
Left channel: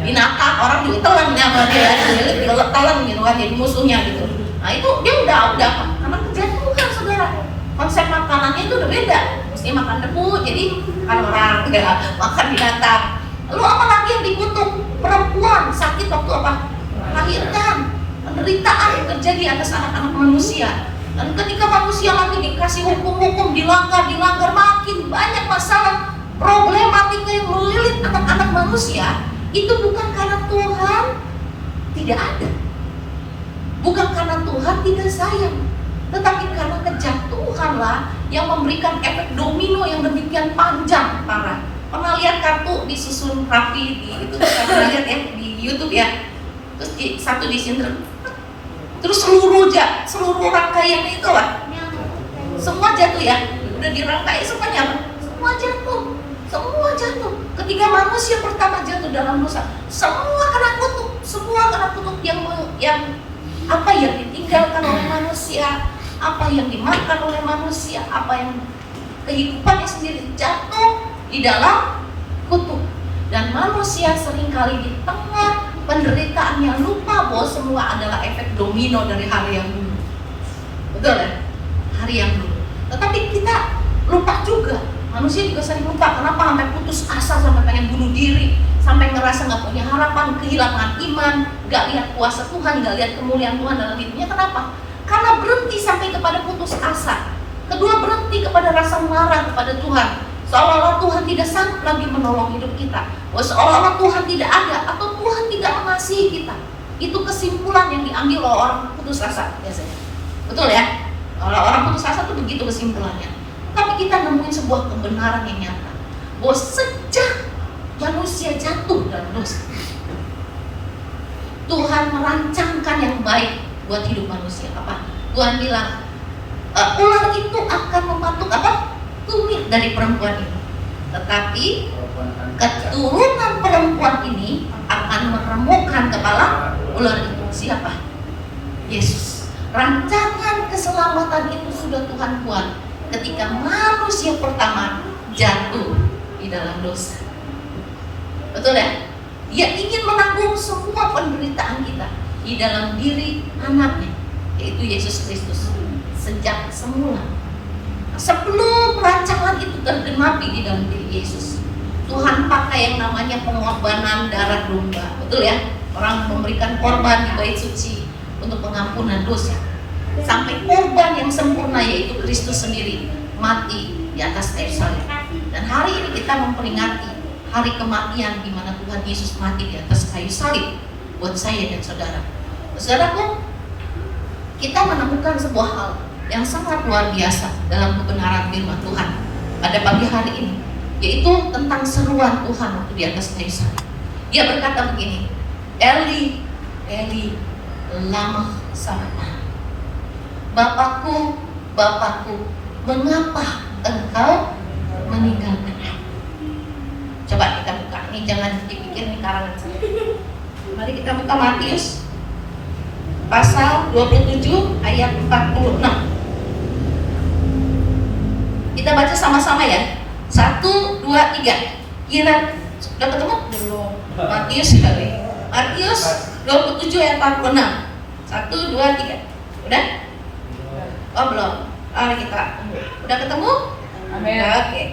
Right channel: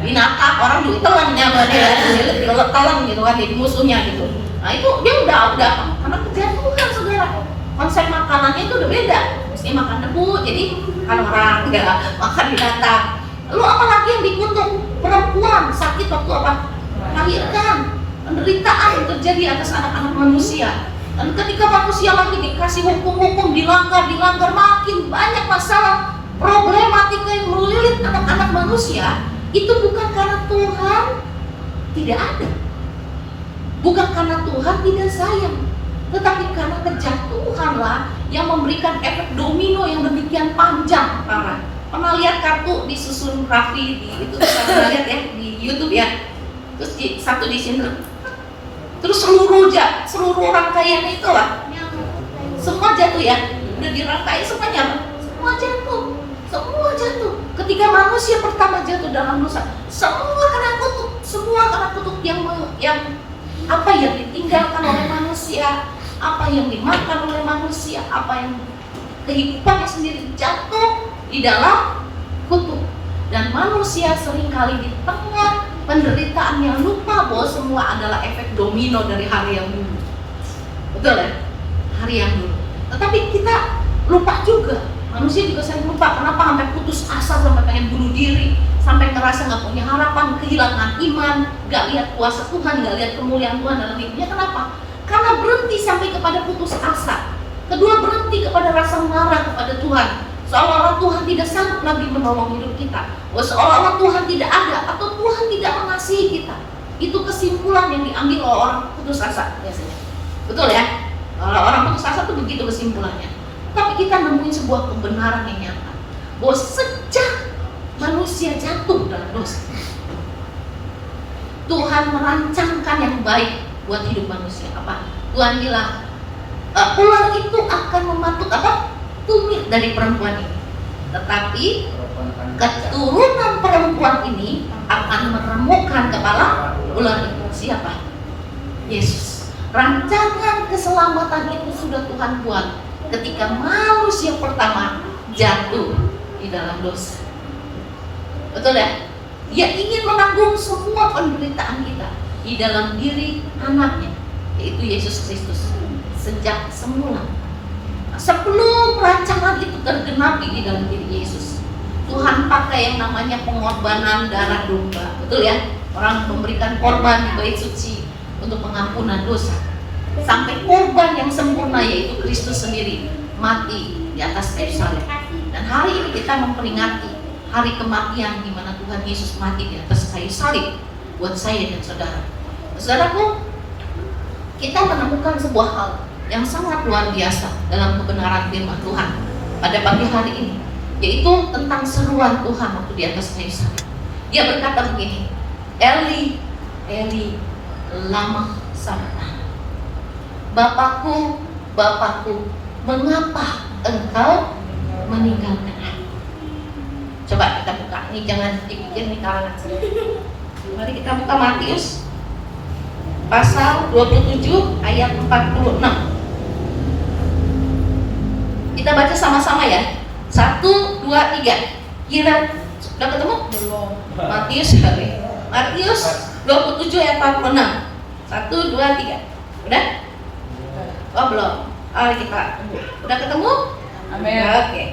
Binatang, orang juga telan ya, dia telan gitu kan, jadi musuhnya gitu. Nah itu dia udah karena kejatuhan saudara. Konsep makanannya itu udah beda. Mesti makan debu, jadi kalau orang nggak makan binatang. Lalu apalagi yang dikutuk? Perempuan sakit waktu apa? Melahirkan. Penderitaan yang terjadi atas anak-anak manusia. Dan ketika manusia lagi dikasih hukum-hukum dilanggar, makin banyak masalah problematika yang melilit anak-anak manusia. Itu bukan karena Tuhan tidak ada, bukan karena Tuhan tidak sayang, tetapi karena kejatuhanlah yang memberikan efek domino yang demikian panjang, parah. Pernah lihat kartu disusun rapi di itu, pernah lihat ya di YouTube ya, terus satu disinter, terus seluruh rangkaian itu lah, semua jatuh ya, udah dirangkai semuanya, semua jatuh. Ketika manusia pertama jatuh dalam dosa, semua kena kutuk yang apa yang ditinggalkan oleh manusia, apa yang dimakan oleh manusia, apa yang kehidupannya sendiri jatuh di dalam kutuk. Dan manusia seringkali di tengah penderitaannya lupa bahwa semua adalah efek domino dari hari yang dulu. Betul ya? Hari yang dulu. Tetapi kita lupa juga. Manusia juga sering lupa. Kenapa sampai putus asa, sampai pengen bunuh diri, sampai ngerasa nggak punya harapan, kehilangan iman, nggak lihat kuasa Tuhan, nggak lihat kemuliaan Tuhan dalam hidupnya. Kenapa? Karena berhenti sampai kepada putus asa. Kedua, berhenti kepada rasa marah kepada Tuhan. Seolah-olah Tuhan tidak sanggup lagi menolong hidup kita. Seolah-olah Tuhan tidak ada atau Tuhan tidak mengasihi kita. Itu kesimpulan yang diambil oleh orang putus asa biasanya. Betul ya? Orang putus asa itu begitu kesimpulannya. Tapi kita nemuin sebuah kebenaran yang nyata bahwa sejak manusia jatuh dalam dosa, Tuhan merancangkan yang baik buat hidup manusia. Apa? Tuhan bilang, ular itu akan mematuk apa? Tumit dari perempuan ini. Tetapi keturunan perempuan ini akan meremukkan kepala ular itu. Siapa? Yesus. Rancangan keselamatan itu sudah Tuhan buat ketika manusia pertama jatuh di dalam dosa. Betul ya? Dia ingin menanggung semua penderitaan kita di dalam diri anaknya, yaitu Yesus Yesus Kristus sejak semula. Sebelum rancangan itu tergenapi di dalam diri Yesus, Tuhan pakai yang namanya pengorbanan darah domba. Betul ya? Orang memberikan korban di bait suci untuk pengampunan dosa. Sampai korban yang sempurna yaitu Kristus sendiri mati di atas kayu salib. Dan hari ini kita memperingati hari kematian di mana Tuhan Yesus mati di atas kayu salib buat saya dan saudara. Saudaraku, kita menemukan sebuah hal yang sangat luar biasa dalam kebenaran firman Tuhan pada pagi hari ini, yaitu tentang seruan Tuhan waktu di atas kayu salib. Dia berkata begini, Eli, Eli, lama sabachthani. Bapakku, Bapakku, mengapa engkau meninggalkan aku? Coba kita buka, ini jangan dipikir ini karangan saya. Mari kita buka Matius pasal 27 ayat 46. Kita baca sama-sama ya. 1, 2, 3. Kira sudah ketemu? Belum. Matius kali. Matius 27 ayat 46. 1, 2, 3. Udah? Oh belum. Mari kita tunggu. Udah ketemu? Amin. Oke.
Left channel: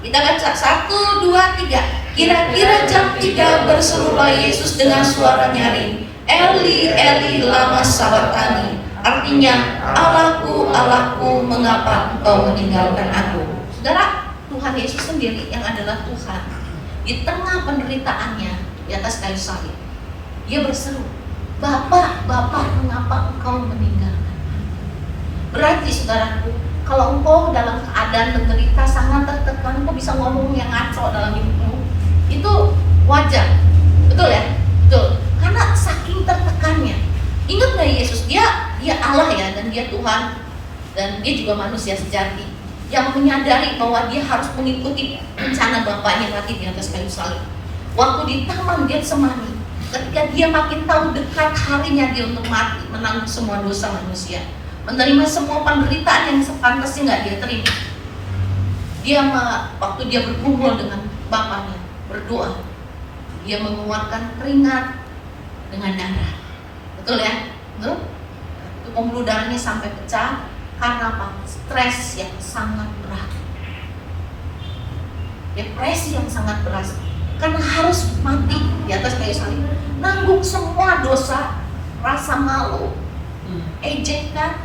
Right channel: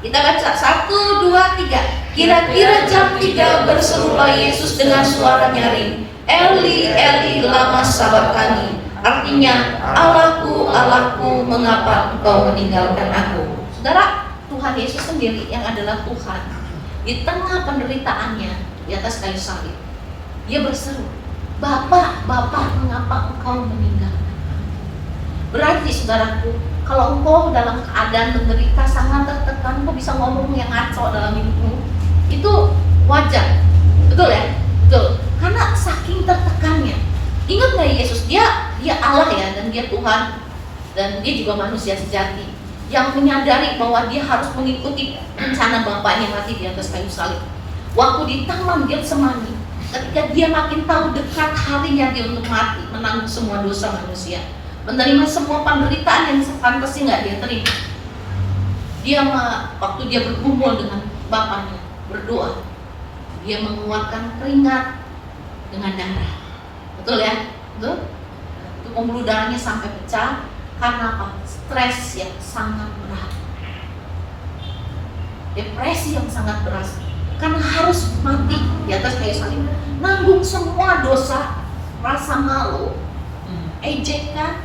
Kita baca 1, 2, 3. Kira-kira jam 3 berserulah Yesus dengan suara nyaring, Eli, Eli, lama sabachthani. Artinya, Allahku, Allahku, mengapa engkau meninggalkan aku? Saudara, Tuhan Yesus sendiri yang adalah Tuhan, di tengah penderitaannya di atas kayu salib, Dia berseru, Bapa, Bapa, mengapa engkau meninggalkan aku? Berarti saudaraku, kalau engkau dalam keadaan menderita sangat tertekan, engkau bisa ngomong yang ngaco dalam hidupmu, itu wajar, betul ya? Betul, karena saking tertekannya. Ingat gak Yesus, dia Allah ya, dan dia Tuhan, dan dia juga manusia sejati yang menyadari bahwa dia harus mengikuti rencana Bapaknya mati di atas kayu salib. Waktu di Taman Getsemani, ketika dia makin tahu dekat harinya dia untuk mati, menanggung semua dosa manusia, menerima semua penderitaan yang sepantasnya nggak dia terima. Dia waktu dia berkumpul dengan Bapaknya, berdoa, dia mengeluarkan keringat dengan darah. Betul ya? Betul? Itu pembuluh darahnya sampai pecah karena apa? Stres yang sangat berat, depresi yang sangat berat, karena harus mati di atas kayu salib, nanggung semua dosa, rasa malu, ejekan,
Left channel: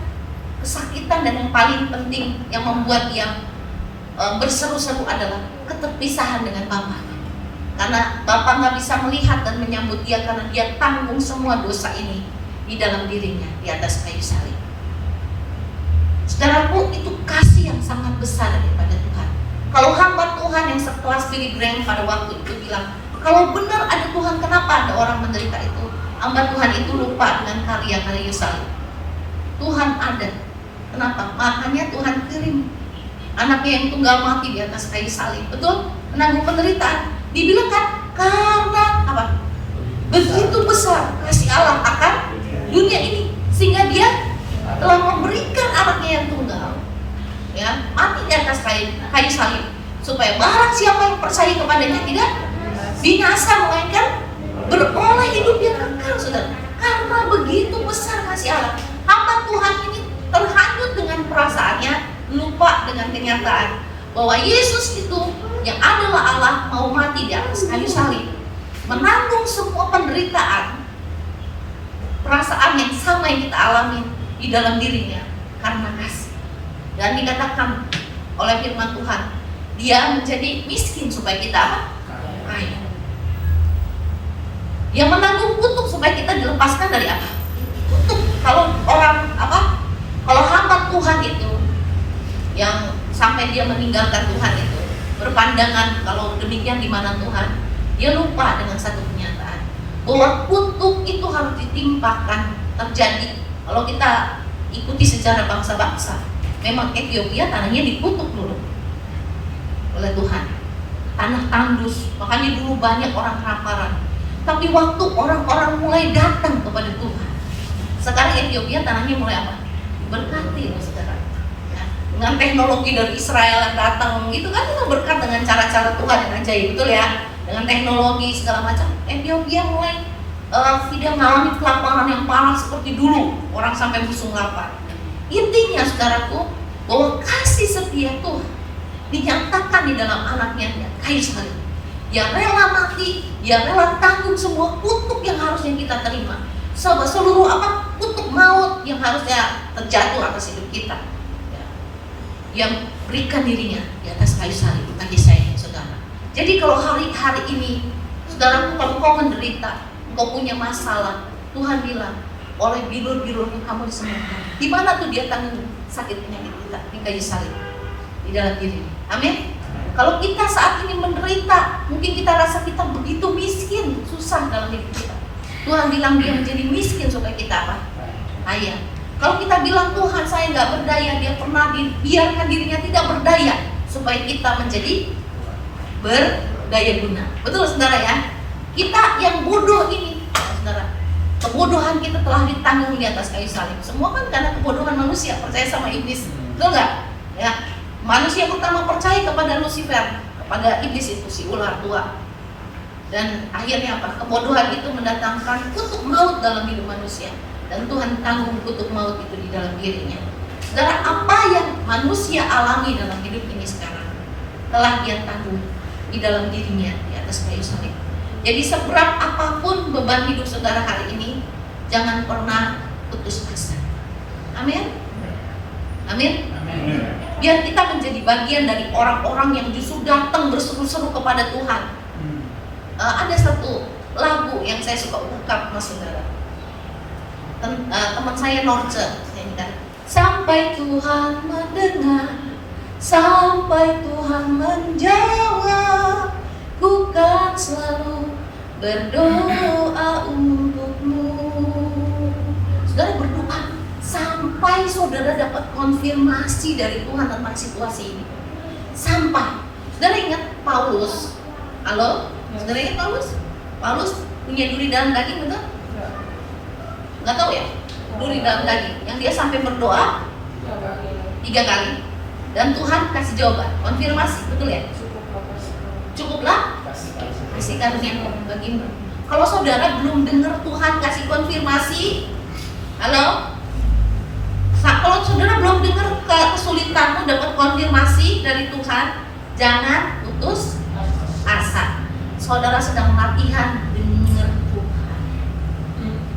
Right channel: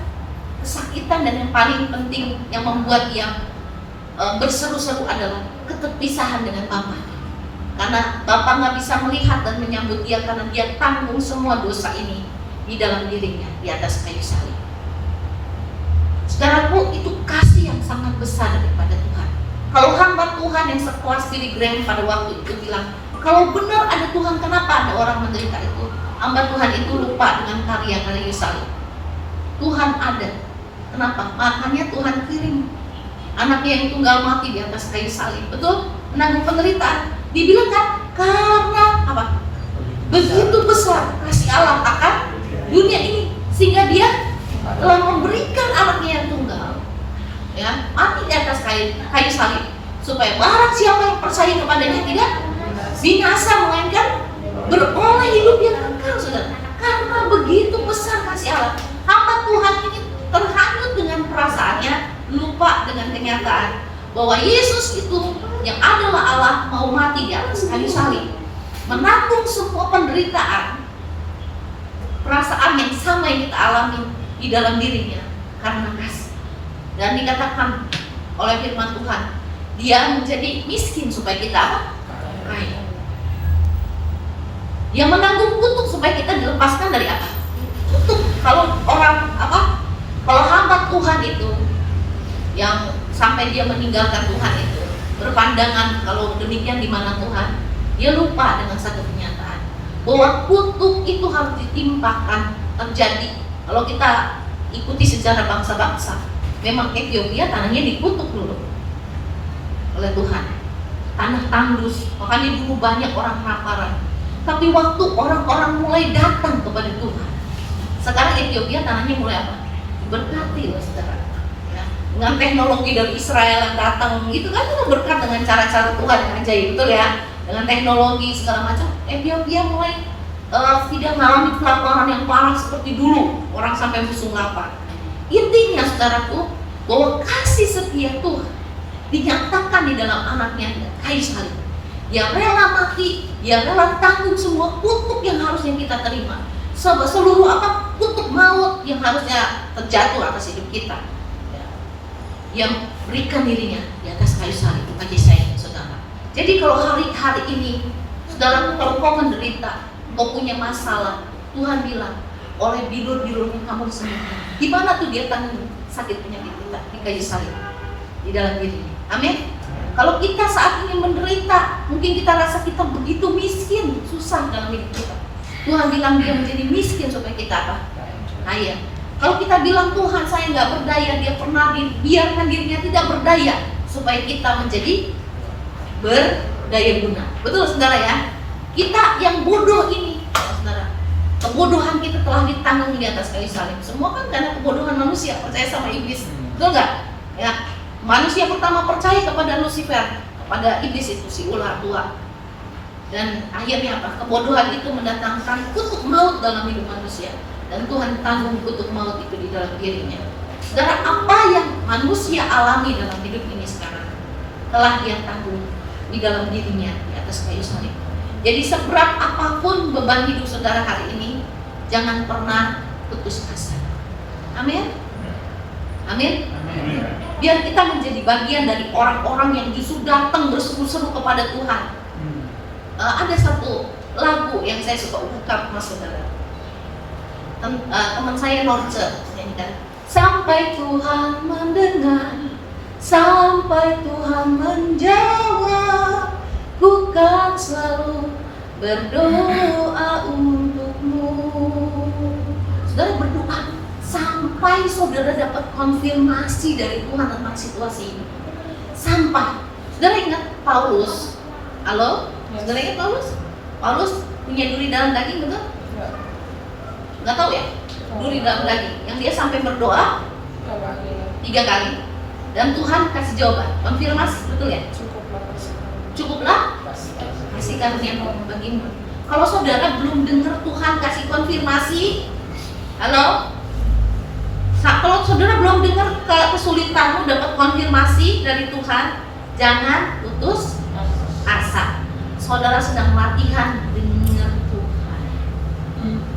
kesakitan, dan yang paling penting yang membuat dia berseru-seru adalah keterpisahan dengan Bapa. Karena Bapa nggak bisa melihat dan menyambut dia karena dia tanggung semua dosa ini di dalam dirinya di atas kayu salib. Saudaraku, itu kasih yang sangat besar daripada Tuhan. Kalau hamba Tuhan yang sekelas Billy Graham pada waktu itu bilang, kalau benar ada Tuhan, kenapa ada orang menderita itu? Hamba Tuhan itu lupa dengan karya-karya salib. Tuhan ada. Kenapa? Makanya Tuhan kirim anaknya yang tunggal mati di atas kayu salib. Betul? Menanggung penderitaan. Dibilang kan, karena apa? Begitu besar kasih Allah akan dunia ini, sehingga dia telah memberikan anaknya yang tunggal, ya, mati di atas kayu salib, supaya barang siapa yang percaya kepadanya tidak binasa, melainkan beroleh hidup yang kekal. Saudara, karena begitu besar kasih Allah, hamba Tuhan ini terhanyut dengan perasaannya, lupa dengan kenyataan bahwa Yesus itu yang adalah Allah mau mati di atas kayu salib, menanggung semua penderitaan, perasaan yang sama yang kita alami di dalam dirinya karena kasih. Dan dikatakan oleh firman Tuhan, dia menjadi miskin supaya kita apa? Kaya. Dia menanggung kutuk supaya kita dilepaskan dari apa? Kutuk. Kalau orang apa? Kalau hamba Tuhan itu yang sampai dia meninggalkan Tuhan itu berpandangan kalau demikian di mana Tuhan, dia lupa dengan satu kenyataan bahwa kutuk itu harus ditimpakan terjadi. Kalau kita ikuti sejarah bangsa-bangsa, memang Ethiopia tanahnya dikutuk dulu oleh Tuhan, tanah tandus, makanya dulu banyak orang kelaparan. Tapi waktu orang-orang mulai datang kepada Tuhan, sekarang Ethiopia tanahnya mulai apa? Diberkati loh saudara. Ya, dengan teknologi dari Israel yang datang, itu kan itu berkat dengan cara-cara Tuhan yang ajaib, betul ya? Dengan teknologi segala macam, Ethiopia mulai tidak mengalami kelaparan yang parah seperti dulu, orang sampai musuh lapar. Intinya saudaraku, bahwa kasih setia Tuhan dinyatakan di dalam anaknya dengan kayu salib. Dia rela mati, dia rela tanggung semua kutuk yang harusnya kita terima. Seluruh kutuk maut yang harusnya terjatuh atas hidup kita. Ya. Yang berikan dirinya di atas kayu salib bagi saya, saudara. Jadi kalau hari-hari ini, saudara, kalau kau menderita, kau punya masalah, Tuhan bilang, oleh bilur-bilurnya kamu disembuhkan. Di mana tuh dia tanggung sakit penyakit kita? Di kayu salib, di dalam diri. Amin. Kalau kita saat ini menderita, mungkin kita rasa kita begitu miskin, susah dalam hidup kita. Tuhan bilang dia menjadi miskin supaya kita apa? Kaya. Kalau kita bilang Tuhan saya nggak berdaya, dia pernah dibiarkan dirinya tidak berdaya supaya kita menjadi berdaya guna. Betul saudara ya? Kita yang bodoh ini, saudara, kebodohan kita telah ditanggung di atas kayu salib. Semua kan karena kebodohan manusia percaya sama iblis, betul nggak? Ya, manusia pertama percaya kepada Lucifer, kepada iblis itu si ular tua. Dan akhirnya apa? Kebodohan itu mendatangkan kutuk maut dalam hidup manusia. Dan Tuhan tanggung kutuk maut itu di dalam dirinya. Saudara, apa yang manusia alami dalam hidup ini sekarang telah dia tanggung di dalam dirinya di atas kayu salib. Jadi seberat apapun beban hidup saudara hari ini, jangan pernah putus asa. Amin. Amin. Biar kita menjadi bagian dari orang-orang yang justru datang berseru-seru kepada Tuhan. Ada satu lagu yang saya suka ungkap mas saudara. Teman saya Norce nyanyikan. Sampai Tuhan mendengar, sampai Tuhan menjawab, ku kan selalu berdoa untukmu. Saudara berdoa sampai saudara dapat konfirmasi dari Tuhan tentang situasi ini. Sampai saudara ingat Paulus. Halo? Saudara ingat Paulus? Paulus punya duri dalam daging, betul? Nggak tahu ya? Duri dalam daging yang dia sampai berdoa 3 kali dan Tuhan kasih jawaban, konfirmasi, betul ya? Cukuplah kasih karunia bagimu. Kalau saudara belum dengar Tuhan kasih konfirmasi, halo? Kalau saudara belum dengar kesulitanmu dapat konfirmasi dari Tuhan, jangan putus asa. Saudara sedang latihan dengar Tuhan.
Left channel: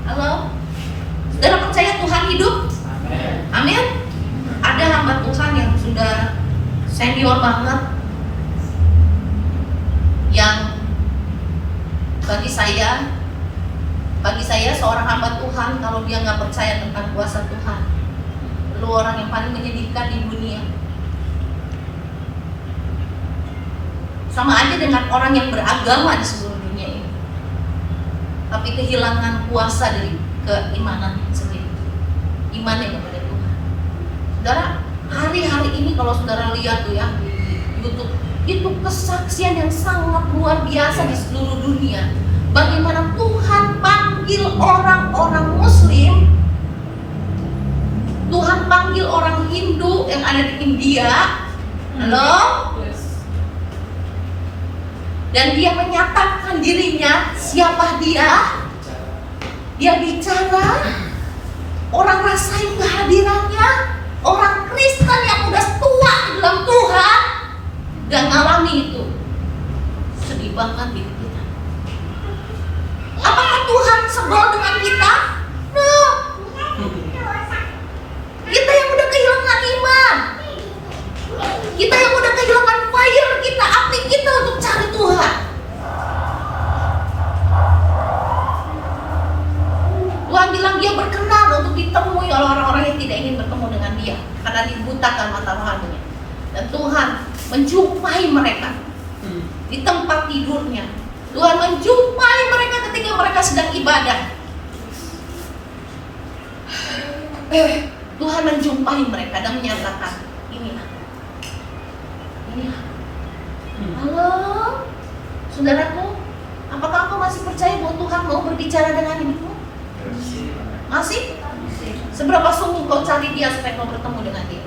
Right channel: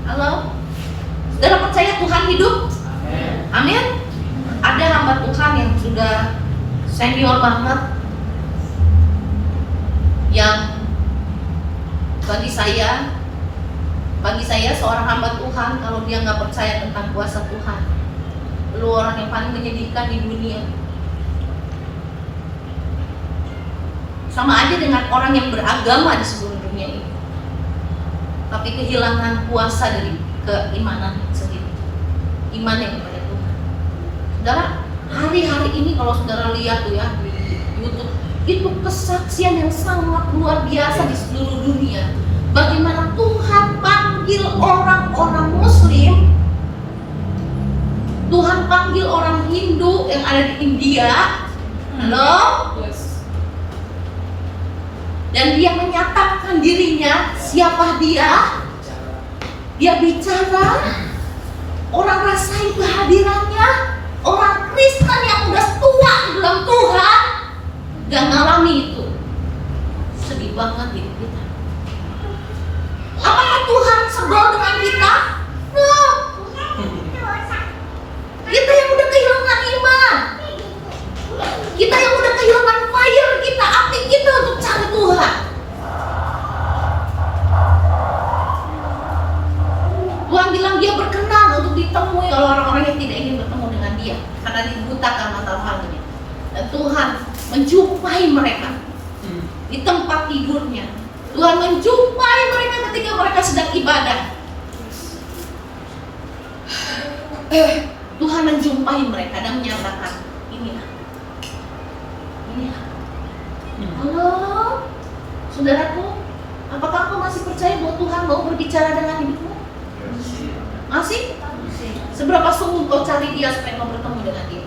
Halo? Saudara percaya Tuhan hidup? Amin. Ada hamba Tuhan yang sudah senior banget, yang bagi saya seorang hamba Tuhan, kalau dia nggak percaya tentang kuasa Tuhan, lu orang yang paling menyedihkan di dunia. Sama aja dengan orang yang beragama di seluruh dunia ini, tapi kehilangan kuasa dari keimanan sendiri, imannya kepada Tuhan. Saudara, hari-hari ini kalau saudara lihat tuh ya di YouTube, itu kesaksian yang sangat luar biasa di seluruh dunia. Bagaimana Tuhan panggil orang-orang Muslim, Tuhan panggil orang Hindu yang ada di India, halo? Dan dia menyatakan dirinya, siapa dia? Dia bicara, orang rasain kehadirannya, orang Kristen yang udah tua di dalam Tuhan dan ngalami itu. Sedih banget hidup kita. Apakah Tuhan sebel dengan kita? No. Kita yang udah kehilangan iman, kita yang udah kehilangan fire kita, api kita untuk cari Tuhan. Tuhan bilang dia berkenan untuk ditemui oleh orang-orang yang tidak ingin bertemu dengan dia karena dibutakan mata rohaninya. Dan Tuhan menjumpai mereka di tempat tidurnya. Tuhan menjumpai mereka ketika mereka sedang ibadah. Tuhan menjumpai mereka dan menyatakan, inilah. Halo, saudaraku, apakah kau masih percaya bahwa Tuhan mau berbicara dengan hidupmu? Masih? Seberapa sungguh kau cari dia supaya kau bertemu dengan dia?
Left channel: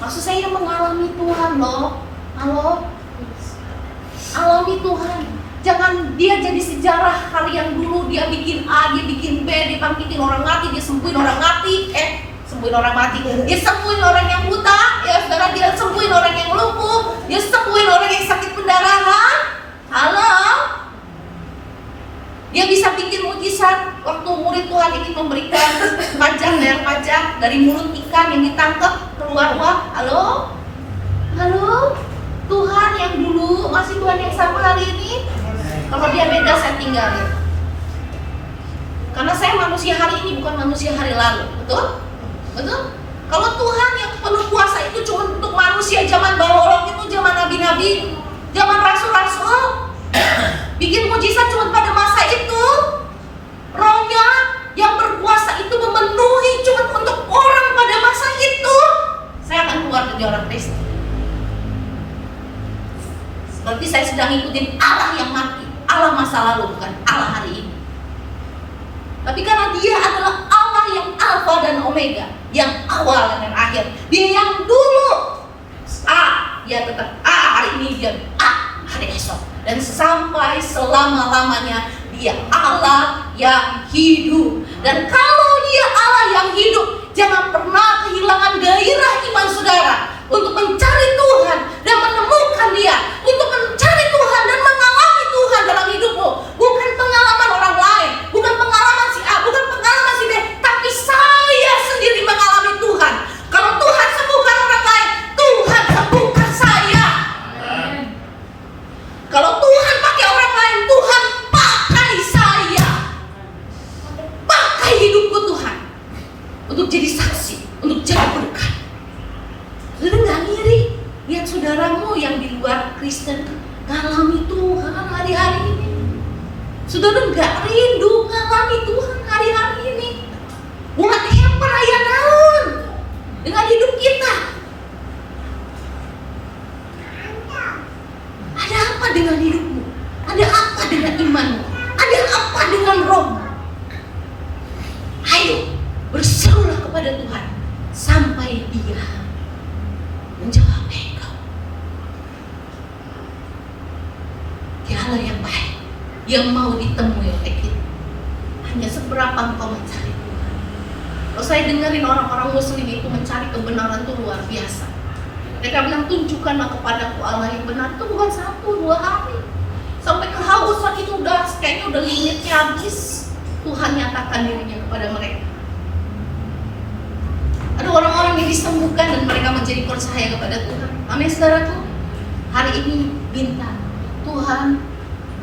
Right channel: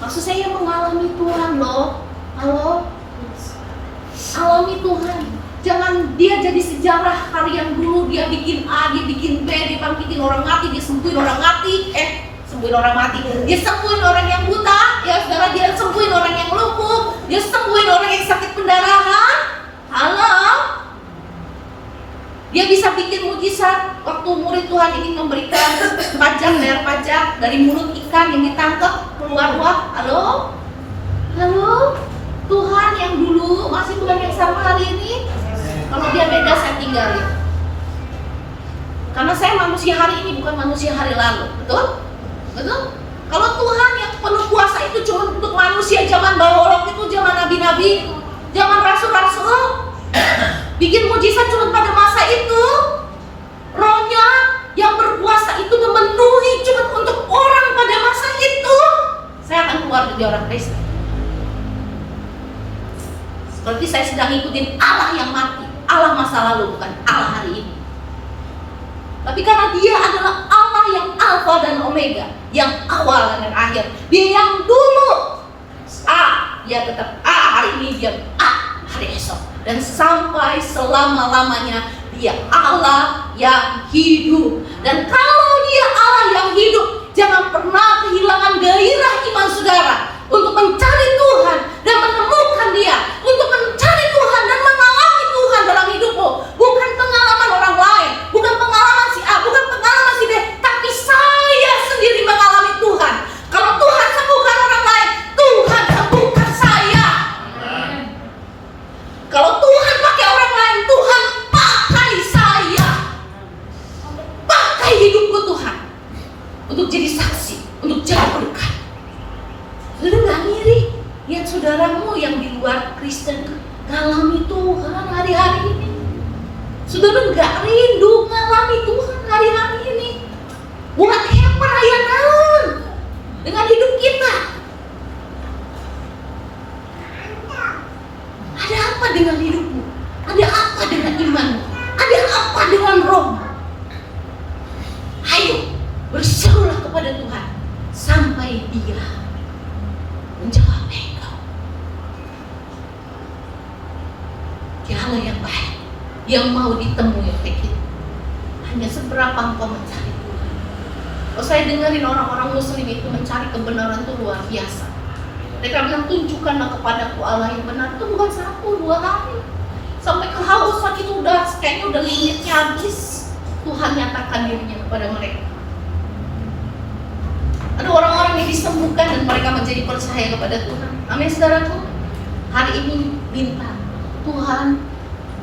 Maksud saya mengalami Tuhan loh. Halo? Alami Tuhan. Jangan dia jadi sejarah hari yang dulu dia bikin A, dia bikin B, dia bangkitin orang mati, dia sembuhin orang mati, sembuhin orang mati, dia sembuhin orang yang buta, ya saudara, dia sembuhin orang yang lumpuh, dia sembuhin orang yang sakit pendarahan. Halo, dia bisa bikin mujizat. Waktu murid Tuhan ini memberikan pajak, bayar pajak dari mulut ikan yang ditangkap keluar uang. Halo, halo, Tuhan yang dulu masih Tuhan yang sama hari ini. Kalau dia beda saya tinggalin. Karena saya manusia hari ini bukan manusia hari lalu. Betul? Betul? Kalau Tuhan yang penuh kuasa itu cuma untuk manusia zaman bawolok itu, zaman nabi-nabi, zaman rasul-rasul, bikin mujizat cuma pada masa itu. Rohnya yang berkuasa itu memenuhi cuma untuk orang pada masa itu. Saya akan keluar dari orang Kristen. Seperti saya sedang ikutin Allah yang mati, Allah masa lalu, bukan Allah hari ini. Tapi karena dia adalah Allah yang Alfa dan Omega, yang awal dan akhir. Dia yang dulu A, dia tetap A hari ini, dia A hari esok. Dan sampai selama-lamanya dia Allah yang hidup. Dan kalau dia Allah yang hidup, jangan pernah kehilangan gairah iman saudara untuk mencari Tuhan dan menemukan dia, untuk mencari Tuhan dan mengalami Tuhan dalam hidupmu. Bukan pengalaman orang lain, bukan pengalaman si A, bukan pengalaman si B, tapi saya sendiri mengalami Tuhan. Kalau Tuhan sembuhkan orang lain, Tuhan sembuhkan saya. Kalau Tuhan pakai orang lain, Tuhan pakai saya. Pakai hidupku Tuhan untuk jadi saksi, untuk jadi berkat. Saudara nggak ngiri lihat saudaramu yang di luar Kristen ngalami Tuhan hari-hari ini. Saudara nggak rindu ngalami Tuhan hari-hari ini? Buat perayaan dengan hidup kita. Ada apa dengan hidupmu? Ada apa dengan imanmu? Ada apa dengan rohmu? Ayo berserulah kepada Tuhan sampai Dia menjawab engkau. Dia Allah yang baik, yang mau ditemui oleh kita. Hanya seberapa engkau mencari Tuhan. Kalau saya dengerin orang-orang Muslim itu mencari kebenaran itu luar biasa. Mereka bilang, tunjukkanlah kepadaku Allah yang benar. Itu bukan 1-2 hari. Sampai kehausan itu kayaknya udah limitnya habis. Tuhan nyatakan dirinya kepada mereka. Ada orang-orang yang disembuhkan dan mereka menjadi percaya kepada Tuhan. Amin saudaraku. Hari ini minta Tuhan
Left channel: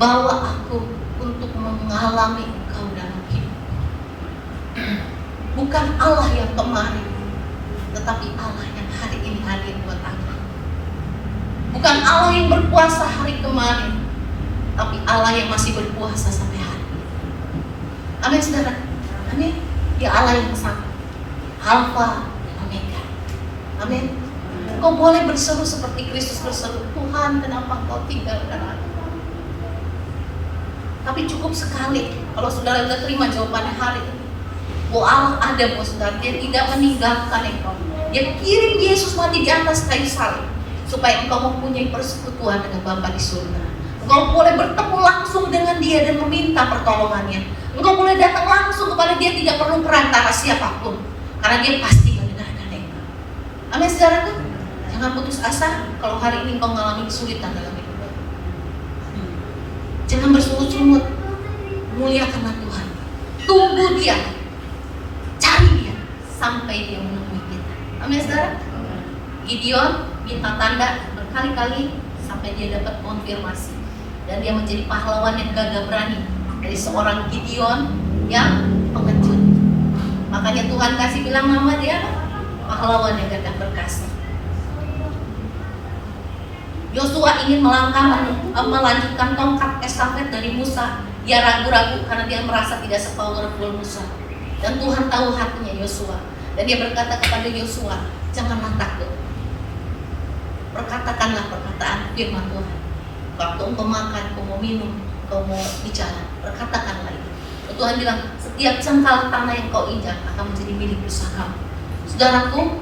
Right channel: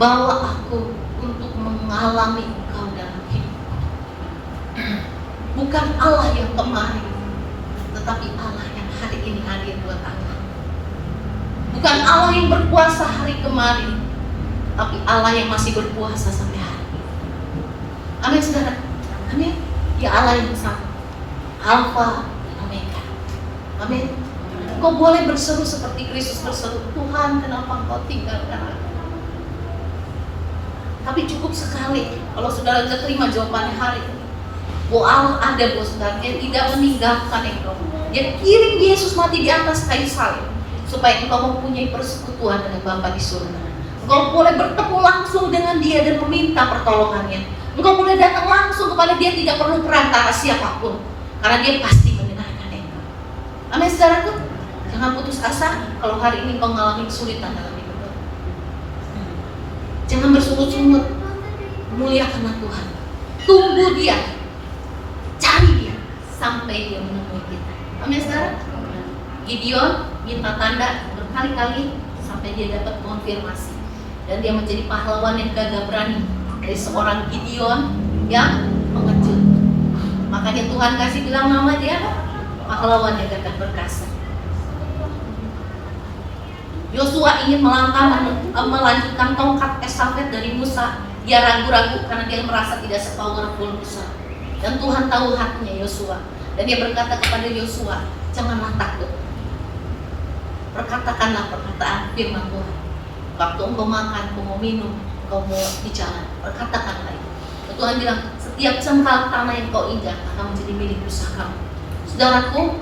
bawa aku untuk mengalami Engkau dalam hidupku. Bukan Allah yang kemarin, tetapi Allah yang hari ini hadir buat aku. Bukan Allah yang berkuasa hari kemarin, tapi Allah yang masih berkuasa sampai hari ini. Amin saudara. Amin. Ya Allah yang sama, Alfa dan Omega. Amin. Kau boleh berseru seperti Kristus berseru, Tuhan kenapa Kau tinggalkan aku? Tapi cukup sekali kalau saudara tidak terima jawabannya hari ini. Bahwa Allah ada buat saudara, Dia tidak meninggalkan engkau. Dia kirim Yesus mati di atas kayu salib supaya engkau mempunyai persekutuan dengan Bapa di surga. Engkau boleh bertemu langsung dengan Dia dan meminta pertolongannya. Engkau boleh datang langsung kepada Dia, tidak perlu perantara siapapun, karena Dia pasti mendengarkan engkau. Amin saudaraku. Jangan putus asa kalau hari ini engkau mengalami kesulitan dalam hidupmu. Jangan bersungut-sungut. Muliakanlah Tuhan. Tunggu Dia, cari Dia sampai Dia menemui kita. Amin saudara. Gideon minta tanda berkali-kali sampai dia dapat konfirmasi, dan dia menjadi pahlawan yang gagah berani dari seorang Gideon yang pengecut. Makanya Tuhan kasih bilang nama dia pahlawan yang gagah perkasa. Yosua ingin melanjutkan tongkat estafet dari Musa. Dia ragu-ragu karena dia merasa tidak sepowerful Musa. Dan Tuhan tahu hatinya Yosua. Dan dia berkata kepada Yosua, janganlah takut. Perkatakanlah perkataan firman Tuhan. Waktu engkau makan, engkau mau minum, engkau mau bicara, perkatakanlah itu. Tuhan bilang, setiap jengkal tanah yang kau injak akan menjadi milik pusakamu. Saudaraku,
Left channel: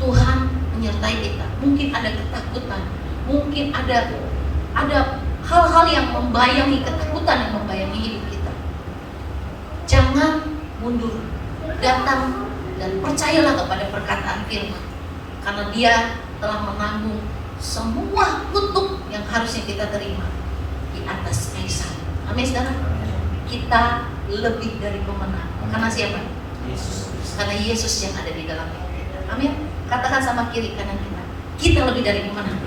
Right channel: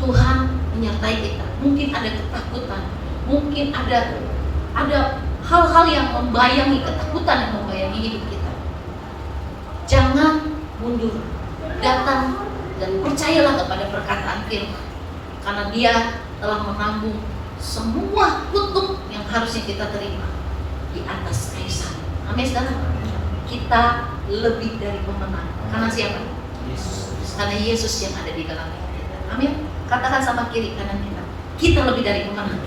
Tuhan menyertai kita. Mungkin ada ketakutan, mungkin ada hal-hal yang membayangi, ketakutan yang membayangi hidup kita. Jangan mundur, datang dan percayalah kepada perkataan firman, karena Dia telah menanggung semua kutuk yang harusnya kita terima di atas kayu salib. Amin saudara. Kita lebih dari pemenang. Karena siapa? Yesus. Karena Yesus yang ada di dalam hidup kita. Amin. Katakan sama kiri kanan kita, kita lebih dari pemenang.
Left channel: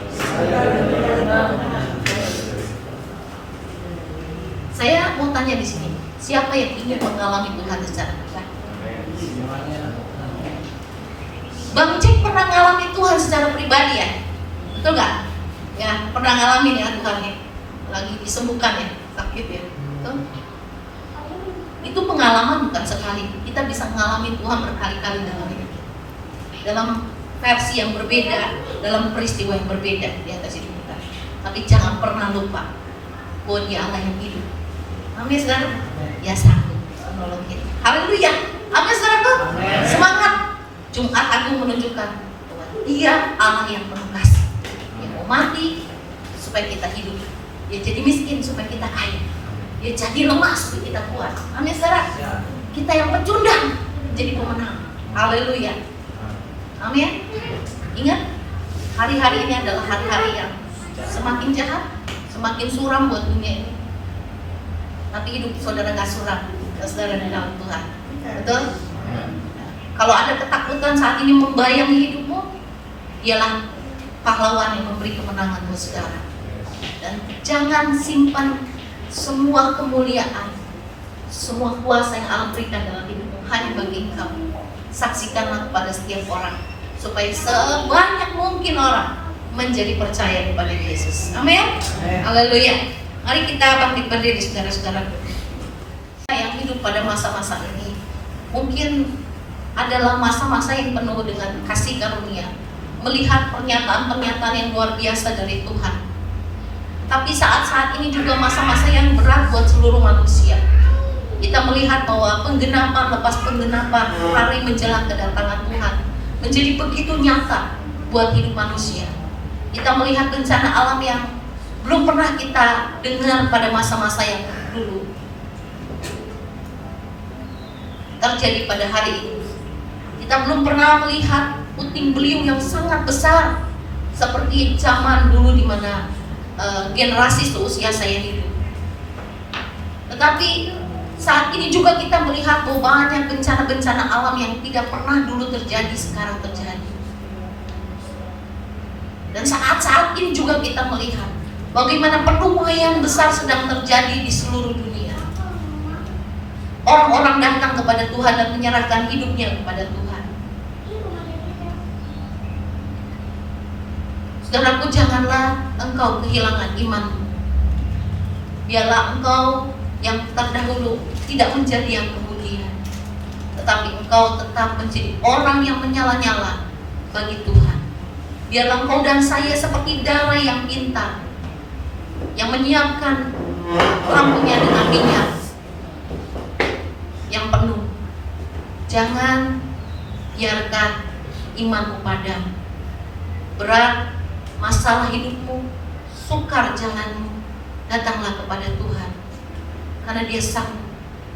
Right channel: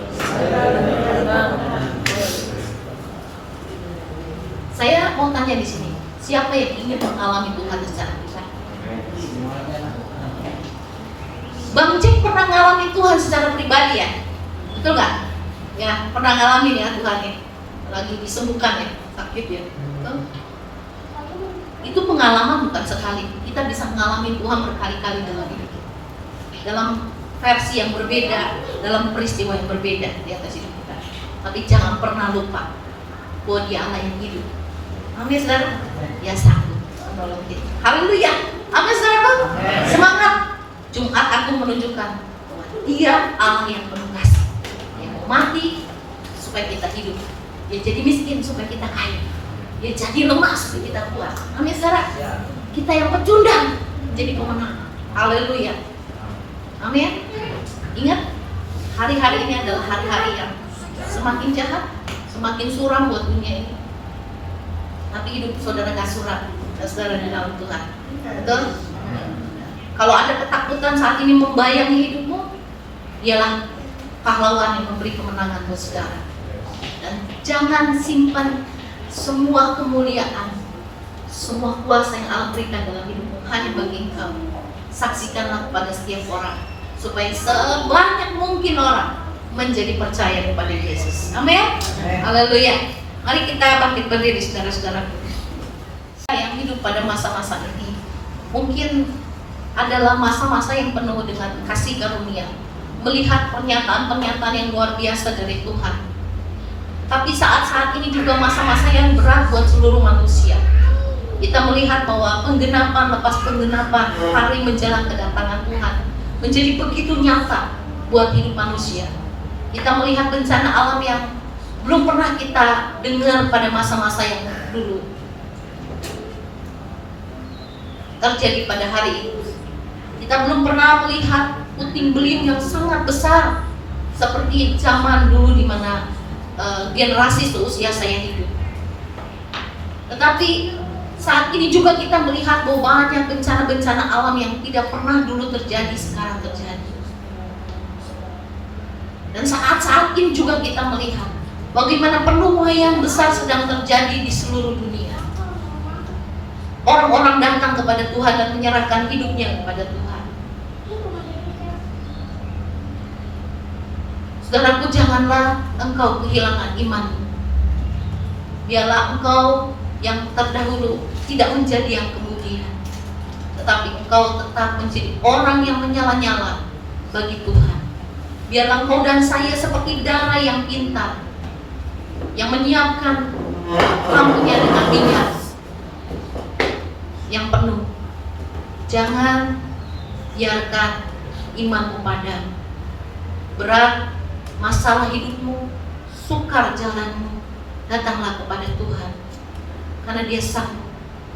Saya mau tanya di sini, siapa yang ingin mengalami Tuhan secara pribadi? Bang Jack pernah mengalami Tuhan secara pribadi ya? Betul nggak? Ya, pernah ngalamin ya Tuhan ya? Lagi disembuhkan ya, sakit ya? Betul? Itu pengalaman bukan sekali. Kita bisa mengalami Tuhan berkali-kali dalam hidup kita, dalam versi yang berbeda, dalam peristiwa yang berbeda di atas hidup kita. Tapi jangan pernah lupa bahwa Dia Allah yang hidup. Amin saudara. Dia sanggup menolong kita. Haleluya. Amin saudara. Semangat. Jumat Agung menunjukkan bahwa Dia Allah yang penuh kasih, yang mau mati supaya kita hidup, Dia jadi miskin supaya kita kaya, Dia jadi lemah supaya kita kuat. Amin saudara. Kita yang pecundang jadi pemenang. Haleluya. Amin. Ingat, hari-hari ini adalah hari-hari yang semakin jahat, semakin suram buat dunia ini. Tapi hidup saudara gak suram, saudara di dalam Tuhan. Betul? Kalau ada ketakutan saat ini membayangi hidupmu, Dialah pahlawan yang memberi kemenangan buat saudara. Dan jangan simpan semua kemuliaan, semua kuasa yang Allah berikan dalam hidupmu hanya bagi engkau. Saksikanlah kepada setiap orang, supaya sebanyak mungkin orang menjadi percaya kepada Yesus. Amin. Haleluya. Mari kita bangkit berdiri saudara-saudara. Yang hidup pada masa-masa ini mungkin adalah masa-masa yang penuh dengan kasih karunia, melihat pernyataan-pernyataan yang luar biasa dari Tuhan. Tapi saat-saat ini juga masa-masa yang berat buat seluruh manusia. Kita melihat bahwa penggenapan lepas penggenapan hari menjelang kedatangan Tuhan menjadi begitu nyata buat hidup manusia. Kita melihat bencana alam yang belum pernah kita dengar pada masa-masa yang dulu terjadi pada hari ini. Kita belum pernah melihat puting beliung yang sangat besar seperti zaman dulu di mana generasi seusia saya hidup. Tetapi saat ini juga kita melihat bahwa banyak bencana-bencana alam yang tidak pernah dulu terjadi sekarang terjadi. Dan saat-saat ini juga kita melihat bagaimana penuaian besar sedang terjadi di seluruh dunia. Orang-orang datang kepada Tuhan dan menyerahkan hidupnya kepada Tuhan. Saudaraku, janganlah engkau kehilangan imanmu. Biarlah engkau yang terdahulu tidak menjadi yang kemudian, tetapi engkau tetap menjadi orang yang menyala-nyala bagi Tuhan. Biarlah engkau dan saya seperti darah yang pintar, yang menyiapkan lampunya dengan minyak yang penuh. Jangan biarkan imanmu padam. Berat masalah hidupmu, sukar jalanmu, datanglah kepada Tuhan, karena Dia sanggup.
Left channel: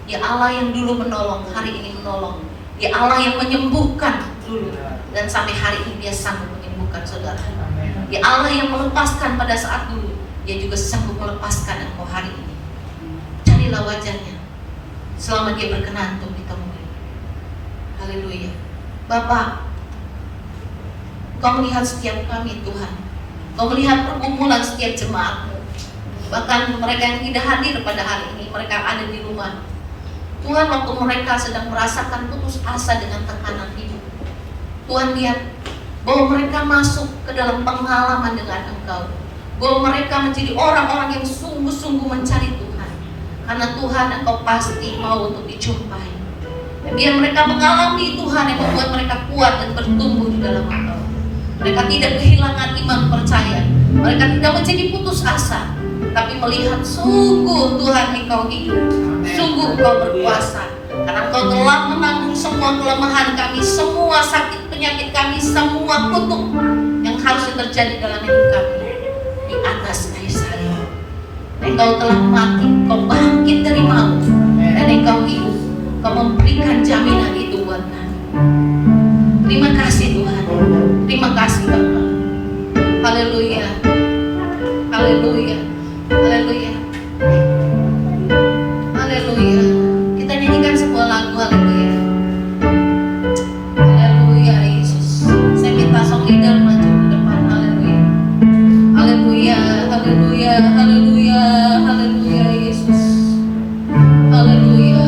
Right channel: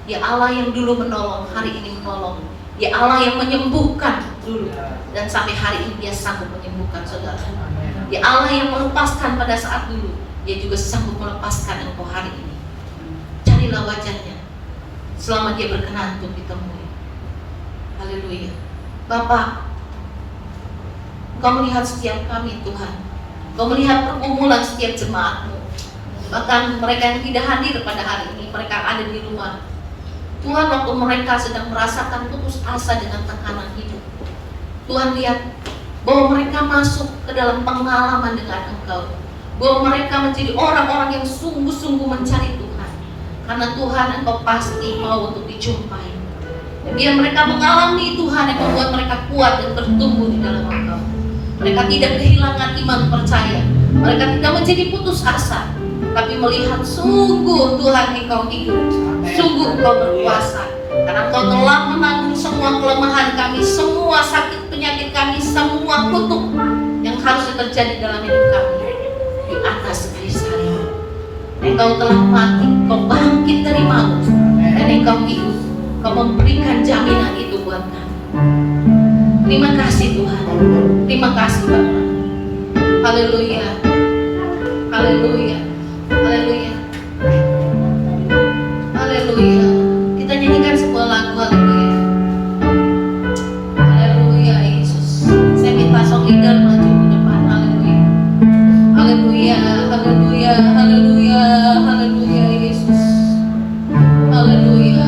Dia Allah yang dulu menolong, hari ini menolong. Dia Allah yang menyembuhkan dulu, dan sampai hari ini Dia sanggup menyembuhkan saudara. Dia Allah yang melepaskan pada saat dulu, Dia juga sanggup melepaskan engkau hari ini. Carilah wajahnya selama Dia berkenan untuk ditemui. Haleluya. Bapak, Engkau melihat setiap kami Tuhan. Engkau melihat pergumulan setiap jemaat-Mu. Bahkan mereka yang tidak hadir pada hari ini, mereka ada di rumah. Tuhan, waktu mereka sedang merasakan putus asa dengan tekanan hidup, Tuhan lihat bahwa mereka masuk ke dalam pengalaman dengan Engkau, bahwa mereka menjadi orang-orang yang sungguh-sungguh mencari Tuhan, karena Tuhan Engkau pasti mau untuk dijumpai. Dan biar mereka mengalami Tuhan yang membuat mereka kuat dan bertumbuh di dalam Engkau. Mereka tidak kehilangan iman percaya, mereka tidak menjadi putus asa, tapi melihat sungguh Tuhan Engkau hidup, sungguh Engkau berkuasa, karena Engkau telah menanggung semua kelemahan kami, semua sakit penyakit kami, semua kutuk yang harus terjadi dalam hidup kami di atas kayu salib. Engkau telah mati, Engkau bangkit dari maut, dan Engkau hidup. Kau memberikan jaminan itu buat kami. Terima kasih Tuhan. Terima kasih Bapa. Haleluya. Haleluya. Haleluya. Haleluya. Kita nyanyikan sebuah lagu. Haleluya. Haleluya Yesus. Saya minta song leader maju ke depan. Haleluya. Haleluya. Haleluya. Haleluya. Haleluya Yesus. Haleluya.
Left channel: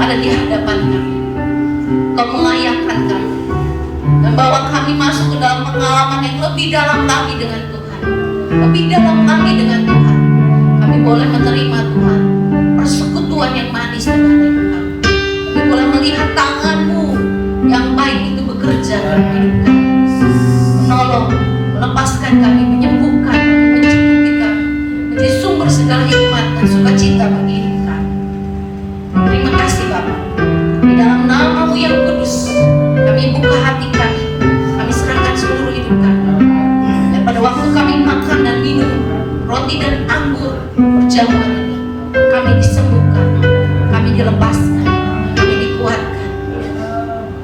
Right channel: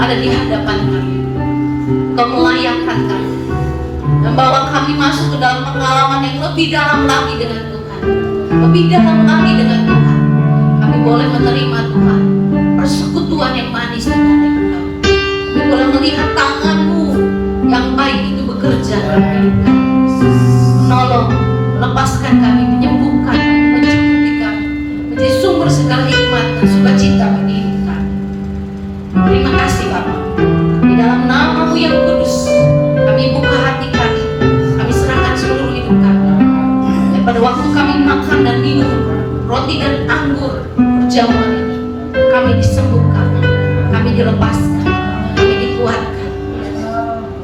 ada di hadapan kami. Kau melayakkan kami dan bawa kami masuk ke dalam pengalaman yang lebih dalam lagi dengan Tuhan, lebih dalam lagi dengan Tuhan. Kami boleh menerima Tuhan persekutuan yang manis dengan Tuhan. Kami boleh melihat tangan-Mu yang baik itu bekerja dalam hidup kami, menolong, melepaskan kami, menyembuhkan, mencukupi kami, menjadi sumber segala hikmat dan sukacita bagi hidup kami. Terima kasih Bapa. Di dalam nama-Mu yang kudus, kami buka hati kami serahkan seluruh hidup kami. Dan pada waktu kami makan dan minum roti dan anggur perjamuan ini, kami disembuhkan, kami dilepaskan, kami dikuatkan.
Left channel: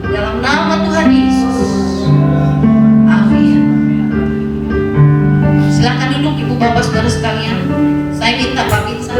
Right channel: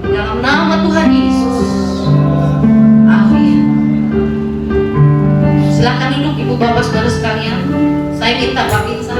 Di dalam nama Tuhan Yesus. Amin. Silakan duduk Ibu Bapak Saudara sekalian. Saya minta Pak Binsa.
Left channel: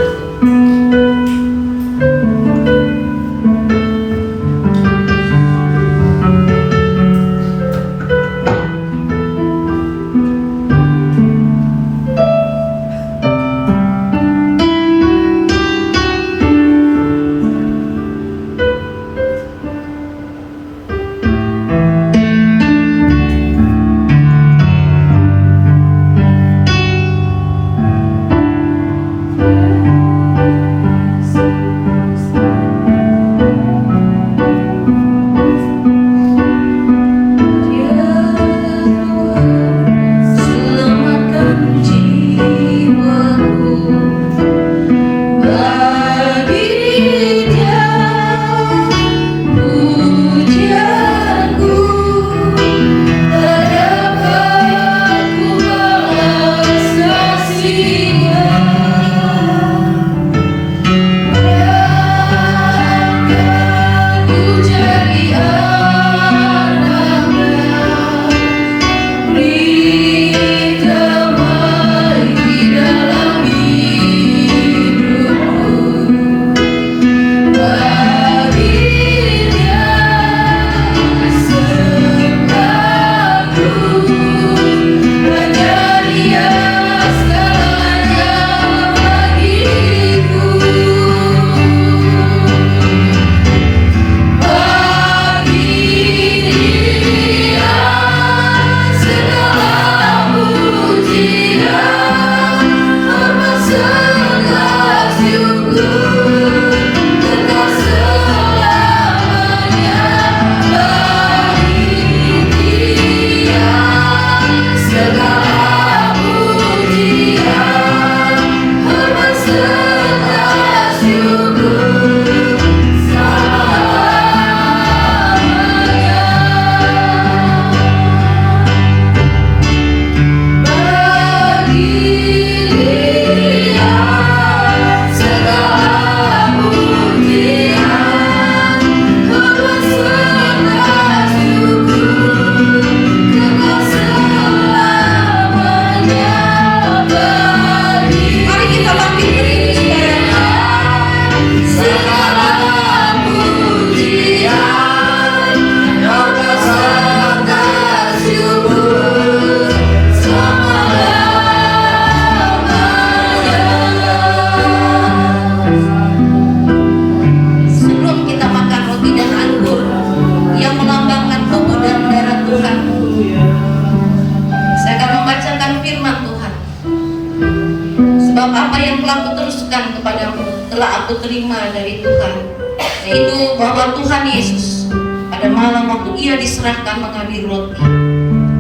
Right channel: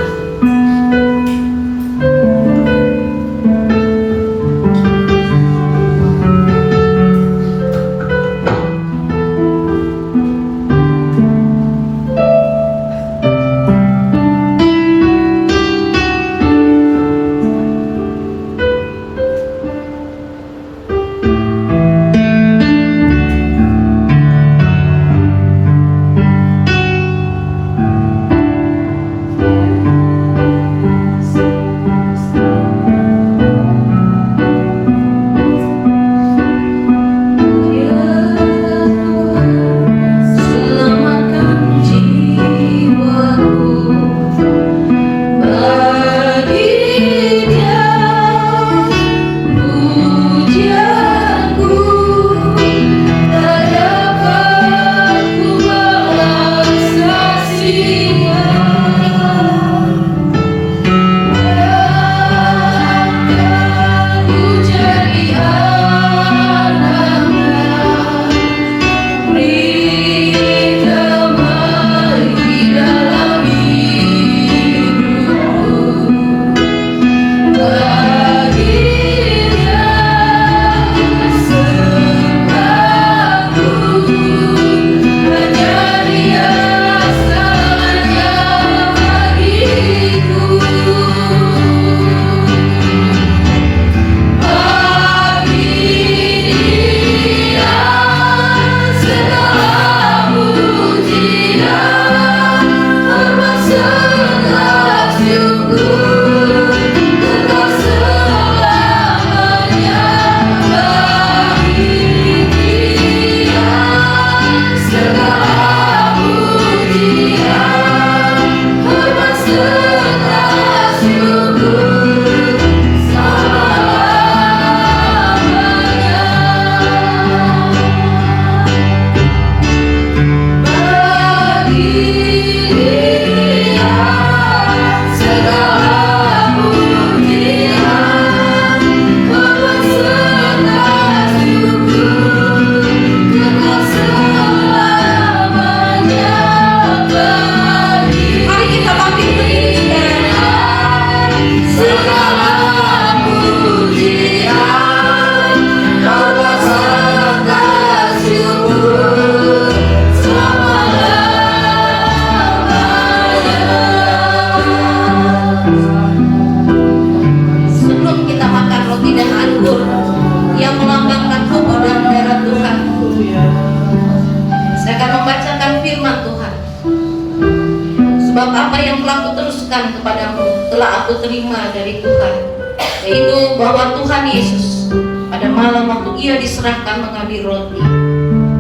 yaitu bahwa Tuhan Yesus pada malam waktu ia diserahkan mengambil roti,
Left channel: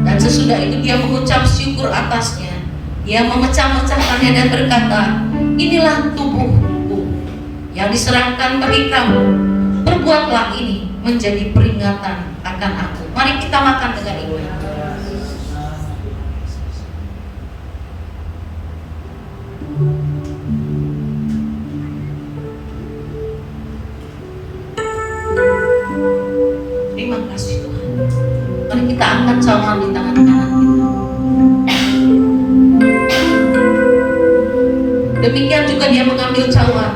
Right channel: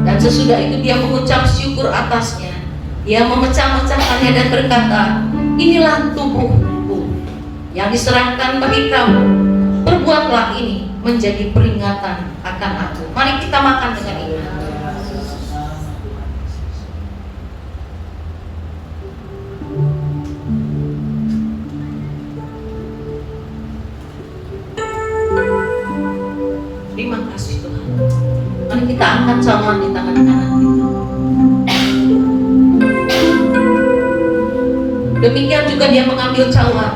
dan sesudah itu dia mengucap syukur atasnya. Ia memecah-mecahkannya dan berkata, inilah tubuhku yang diserahkan bagi kamu. Perbuatlah ini menjadi peringatan akan aku. Mari kita makan dengan ini. Terima kasih Tuhan. Mari kita angkat cawan di tangan kanan kita. Demikian juga dia mengambil cawan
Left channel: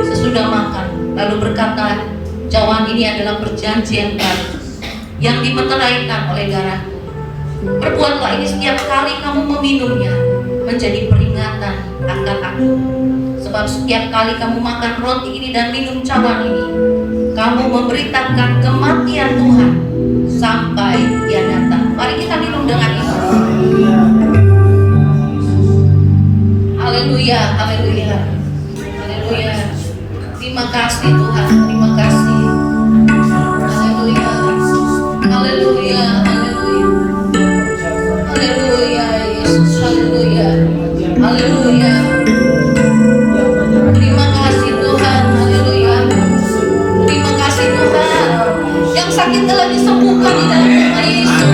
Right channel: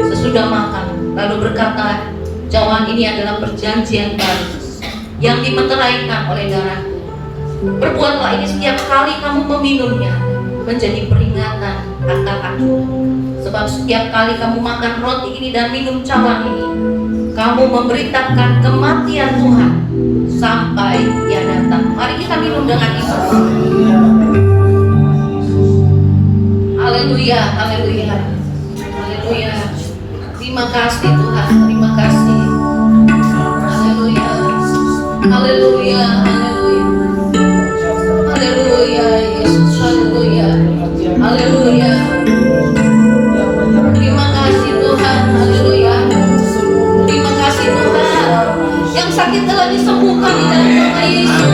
sesudah makan, lalu berkata, cawan ini adalah perjanjian baru yang dimeteraikan oleh darahku. Perbuatlah ini setiap kali kamu meminumnya menjadi peringatan akan aku. Sebab setiap kali kamu makan roti ini dan minum cawan ini, kamu memberitakan kematian Tuhan sampai Ia datang. Mari kita minum dengan iman. Haleluya, haleluya, haleluya. Terima kasih Tuhan, terima kasih. Haleluya, haleluya, haleluya, haleluya, Yesus, haleluya, haleluya. Terima kasih Tuhan, haleluya. Terima kasih Tuhan. Yang sakit telah disembuhkan di dalam nama Yesus.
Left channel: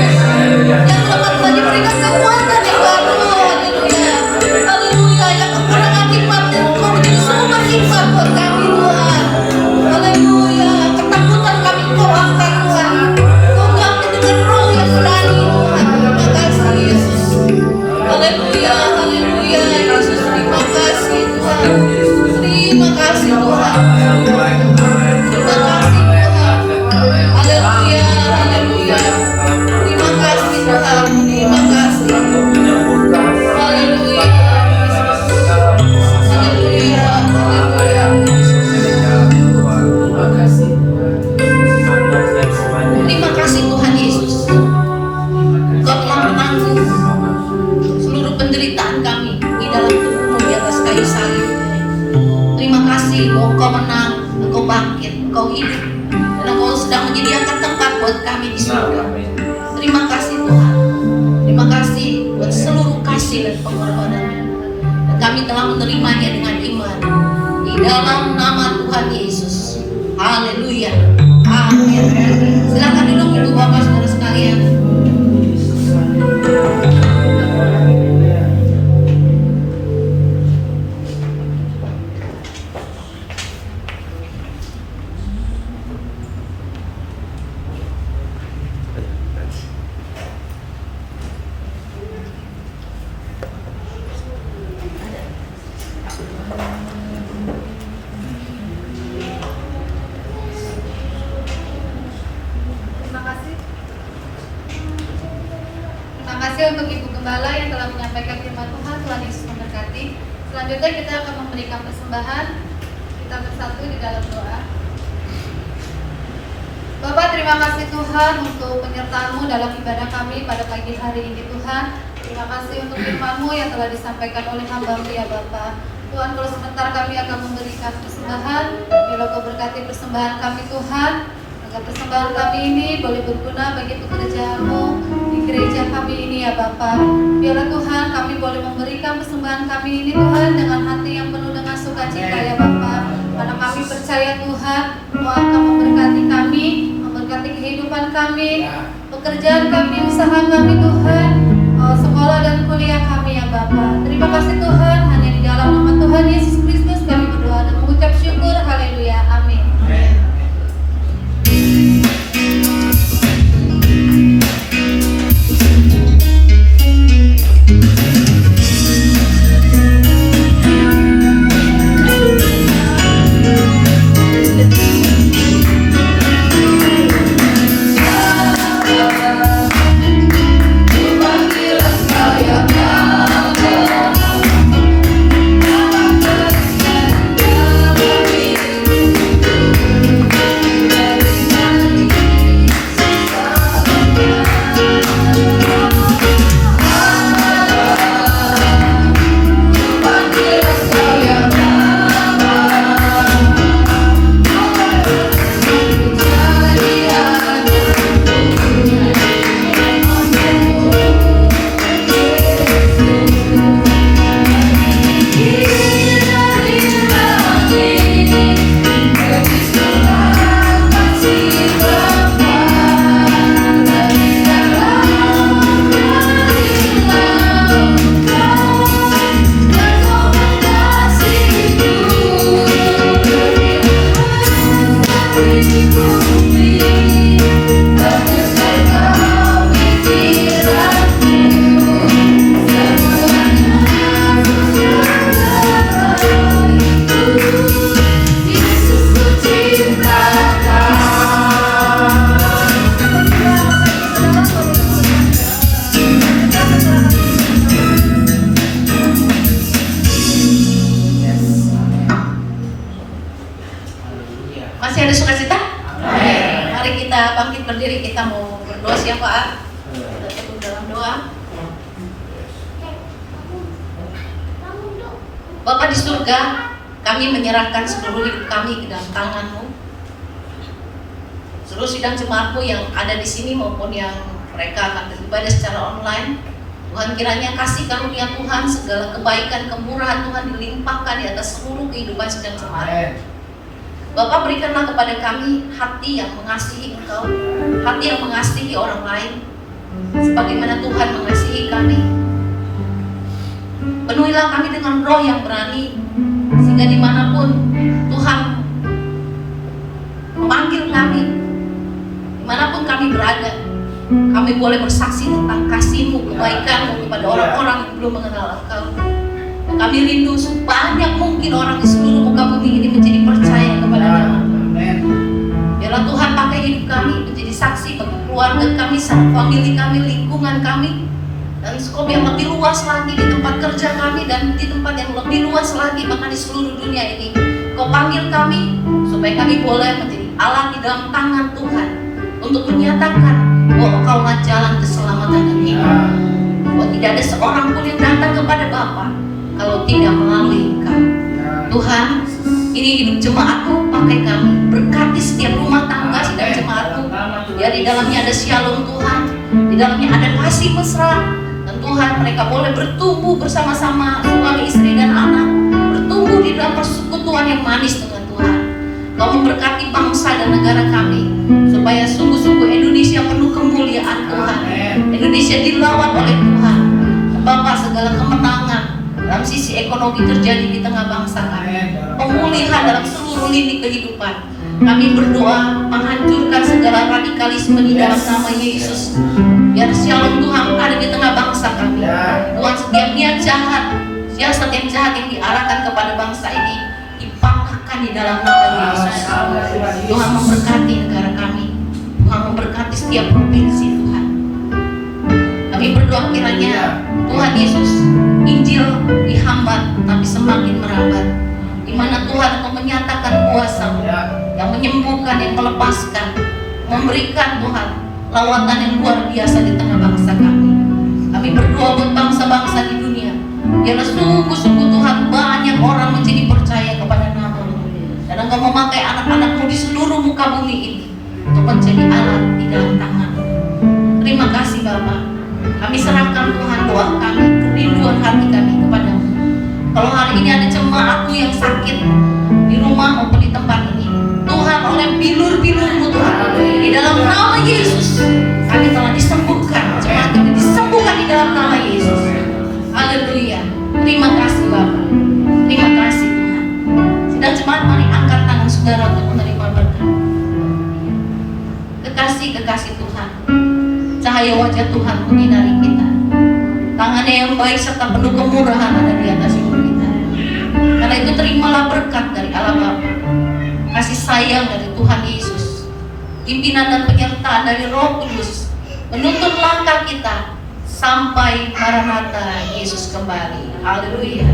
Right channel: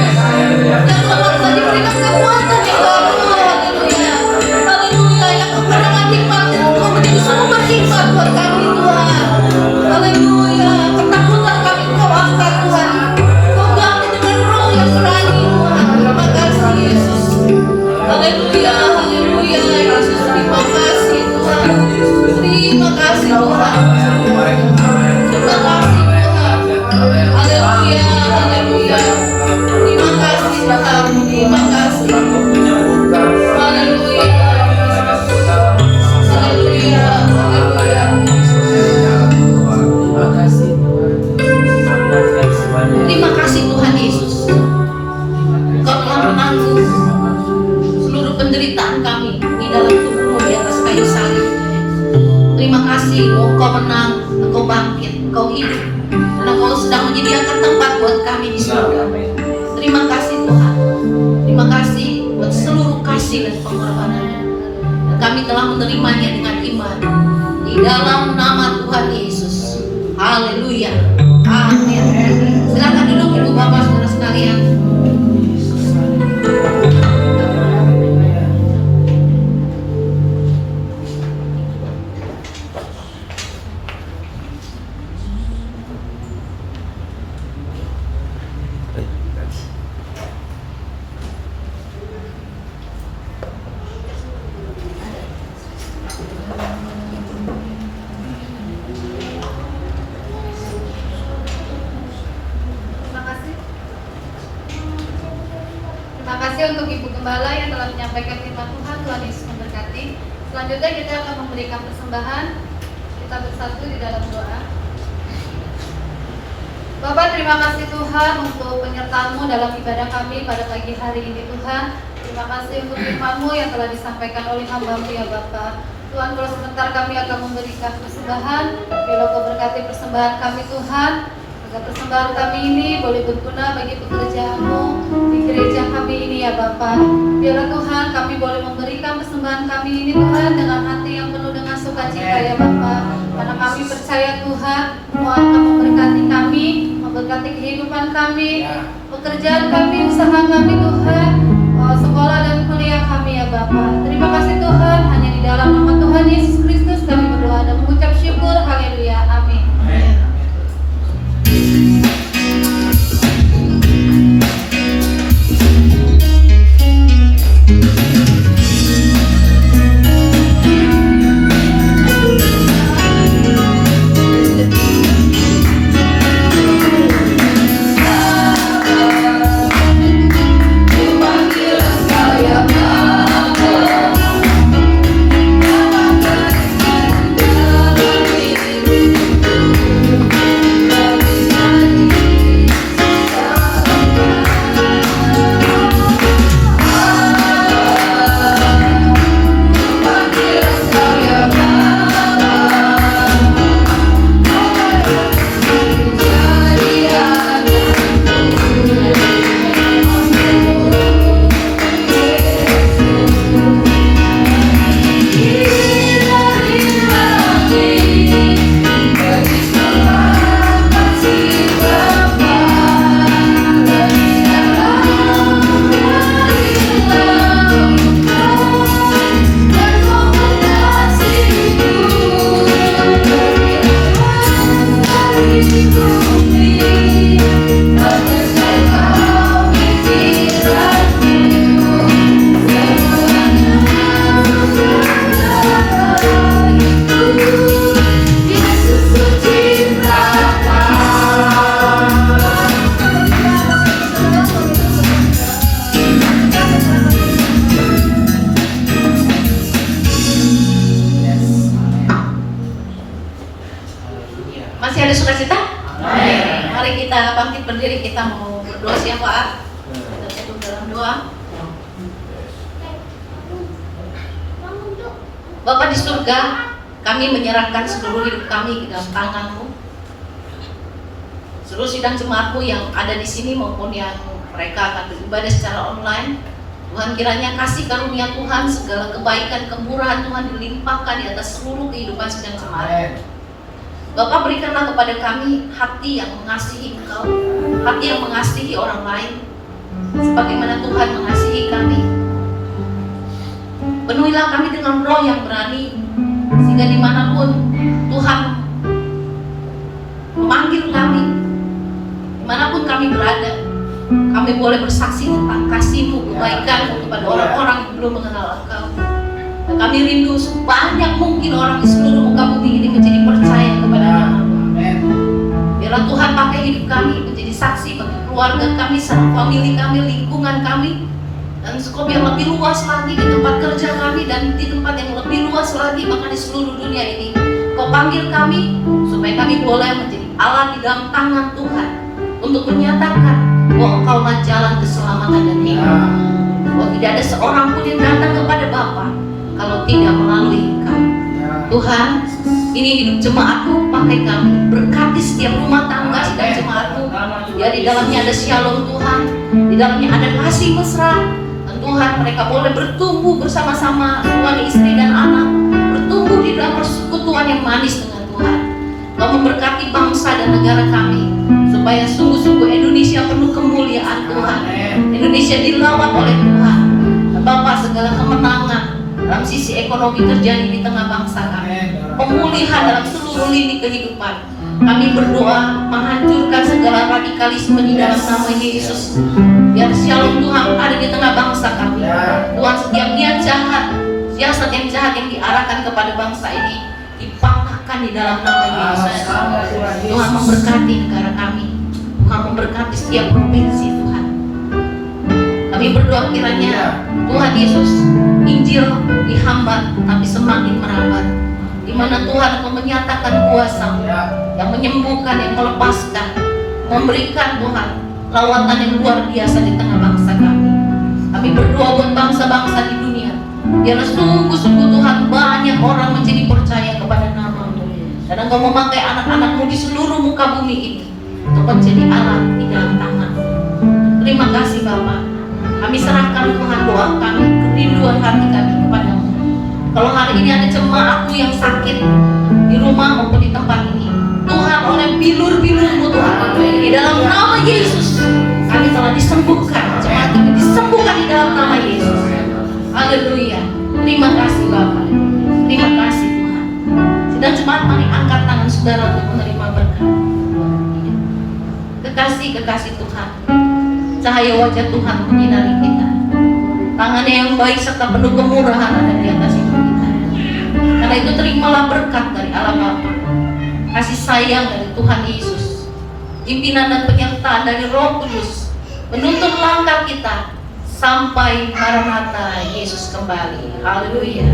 Yang lemah telah diberikan kekuatan di dalam Tuhan, haleluya. Haleluya, yang kemenangan hikmat dan Tuhan itu semua bersifat buat kami Tuhan. Haleluya, ketakutan kami Kau angkat Tuhan. Kau ganti dengan roh yang berani Tuhan. Terima kasih Yesus. Haleluya, haleluya, Yesus. Terima kasih Tuhan. Terima kasih Tuhan. Terima kasih Tuhan. Haleluya, haleluya. Terima kasih Tuhan. Terima kasih. Haleluya. Haleluya, haleluya. Terima kasih Tuhan Yesus. Kau telah menanggung seluruh penderitaan kami di dalam tubuh-Mu di atas kayu salib. Terima kasih bahwa Engkau menang, Engkau bangkit, Engkau hidup, dan Engkau sedang menyediakan tempat buat kami di surga. Terima kasih Tuhan. Terima kasih buat seluruh kasih dan pengorbanan-Nya. Dan kami telah menerimanya dengan iman di dalam nama Tuhan Yesus. Haleluya. Amin. Silakan duduk Ibu Bapak Saudara sekalian. Terima kasih. Terima kasih untuk Ibu Gembala yang telah menyampaikan firman Tuhan. Tuhan Yesus memberkati. Selanjutnya kita akan memberikan persembahan. Kita bersatu di dalam doa. Bapak, terima kasih Tuhan untuk penyertaan-Mu dalam ibadah kami pada pagi hari ini Tuhan. Terima kasih untuk firman-Mu yang telah disampaikan oleh hamba-Mu ya Bapak. Tuhan, kalau sebentar kami akan memberikan persembahan, biarlah Kau berkati persembahan kami Tuhan, agar persembahan kami ini boleh berguna bagi pekerjaan-Mu di gereja kami ini ya Bapak. Biarlah Tuhan kami boleh memberikan persembahan kami ini Tuhan dengan hati yang penuh dengan sukacita ya Bapak. Karena kami percaya Tuhan, Kau akan memberkati kami, memberkati kehidupan kami, pekerjaan kami, usaha kami Tuhan, sekolah dan kuliah kami ya Bapak. Terima kasih Tuhan, hanya di dalam nama Tuhan Yesus Kristus kami berdoa dan mengucap syukur. Haleluya, amin. Masih ada sukacita? Amin. Mari kita bangkit berdiri, kita mau berdoa siapa? Kita tutup dalam doa. Bapa di surga, kami menyerahkan seluruh hidup kami ke dalam tangan-Mu. Seluruh sidang jemaatku yang ada di sini maupun yang mereka akan beribadah secara online, Tuhan kiranya kasih karunia Tuhan, segala kebaikan, kemurahan Tuhan dilimpahkan di atas seluruh kehidupan sidang jemaat. Bapak berikanlah kepada kami hati yang mengasihi Engkau, hati yang mengasihi orang lain, sebagaimana Tuhan mengasihi kami. Penuhilah kami dengan roh yang berani, sehingga dimanapun Tuhan memanggil kami, dimanapun kami berada, kami boleh bersaksi tentang kasih-Mu, kebaikan-Mu kepada orang-orang yang belum mengenal Engkau. Dan kami rindu sebanyak mungkin orang di seluruh muka bumi ini menjadi percaya kepada nama-Mu. Biarlah Tuhan pakai hidup kami menjadi saksi bagi keluarga kami, famili kami, lingkungan kami, dan skop yang lebih luas lagi di tempat kerja kami dan di tempat yang lebih luas lagi bahkan di seluruh dunia ini. Kau panggil kami supaya kami boleh menjadi alat di dalam tangan Tuhan untuk menyatakan bahwa Engkaulah jalan keselamatan dan hidup. Bahwa tidak ada seorang pun yang datang kepada Bapa kalau tidak melalui Engkau. Tuhan, ini hidup jemaat-Mu, pakai kami, berkati setiap rumah tangga sidang jemaat-Mu. Ya, di dalamnya ada shalom Tuhan, di dalamnya ada kasih mesra, dan Tuhan mereka boleh bertumbuh bersama-sama suami istri dan anak, bertumbuh di dalam persekutuan yang manis dengan Tuhan. Kau memberkati bangsa dan negara kami, supaya sungguh-sungguh Indonesia penuh kemuliaan Tuhan. Indonesia dilawat oleh Tuhan. Bapak, segala kemenangan dalam sisi ekonomi terjadi di tengah bangsa kami, pemulihan dalam seluruh lini kehidupan. Kami berdoa menghancurkan segala radikalisme di dalam nama Yesus. Biar shalom Tuhan ada di tengah bangsa kami. Tuhan, setiap niat jahat, siasat yang jahat yang diarahkan kepada bangsa ini dipatahkan di dalam nama Yesus. Tuhan memberkati negara kami, Tuhan memberkati setiap provinsi Tuhan. Kami berdoa kiranya Tuhan Yesus, Injil dihambat tapi semakin merambat, di mana Tuhan Engkau menyatakan kuasa yang menyembuhkan, yang melepaskan, memberikan Tuhan lawatan yang luar biasa di tengah bangsa kami. Kami berdoa buat bangsa-bangsa di dunia, biarlah sungguh-sungguh Tuhan banyak orang menjadi percaya kepada nama-Mu, dan Engkau memakai anak-anak-Mu di seluruh muka bumi ini untuk menjadi alat di dalam tangan-Mu. Terima kasih Bapa. Kami serahkan Tuhan doa kami, kerinduan hati kami kepada-Mu. Kalau hari ini ada jemaatku yang sakit di rumah maupun di tempat ini, Tuhan, oleh bilur-bilur-Mu Tuhan, di dalam nama Yesus kami telah disembuhkan. Jemaat ini disembuhkan di dalam nama Yesus. Haleluya. Terima kasih Bapa. Terima kasih Tuhan. Sidang jemaat, mari angkat tangan saudara untuk menerima berkat. Kekasih Tuhan, cahaya wajah Tuhan menyinari kita. Tangannya yang baik serta penuh kemurahan ada di atas hidup kita. Karena itu terimalah berkat dari Allah Bapa, kasih sayang dari Tuhan Yesus, pimpinan dan penyertaan dari Roh Kudus, menuntun langkah kita sampai Maranatha Yesus kembali. Haleluya.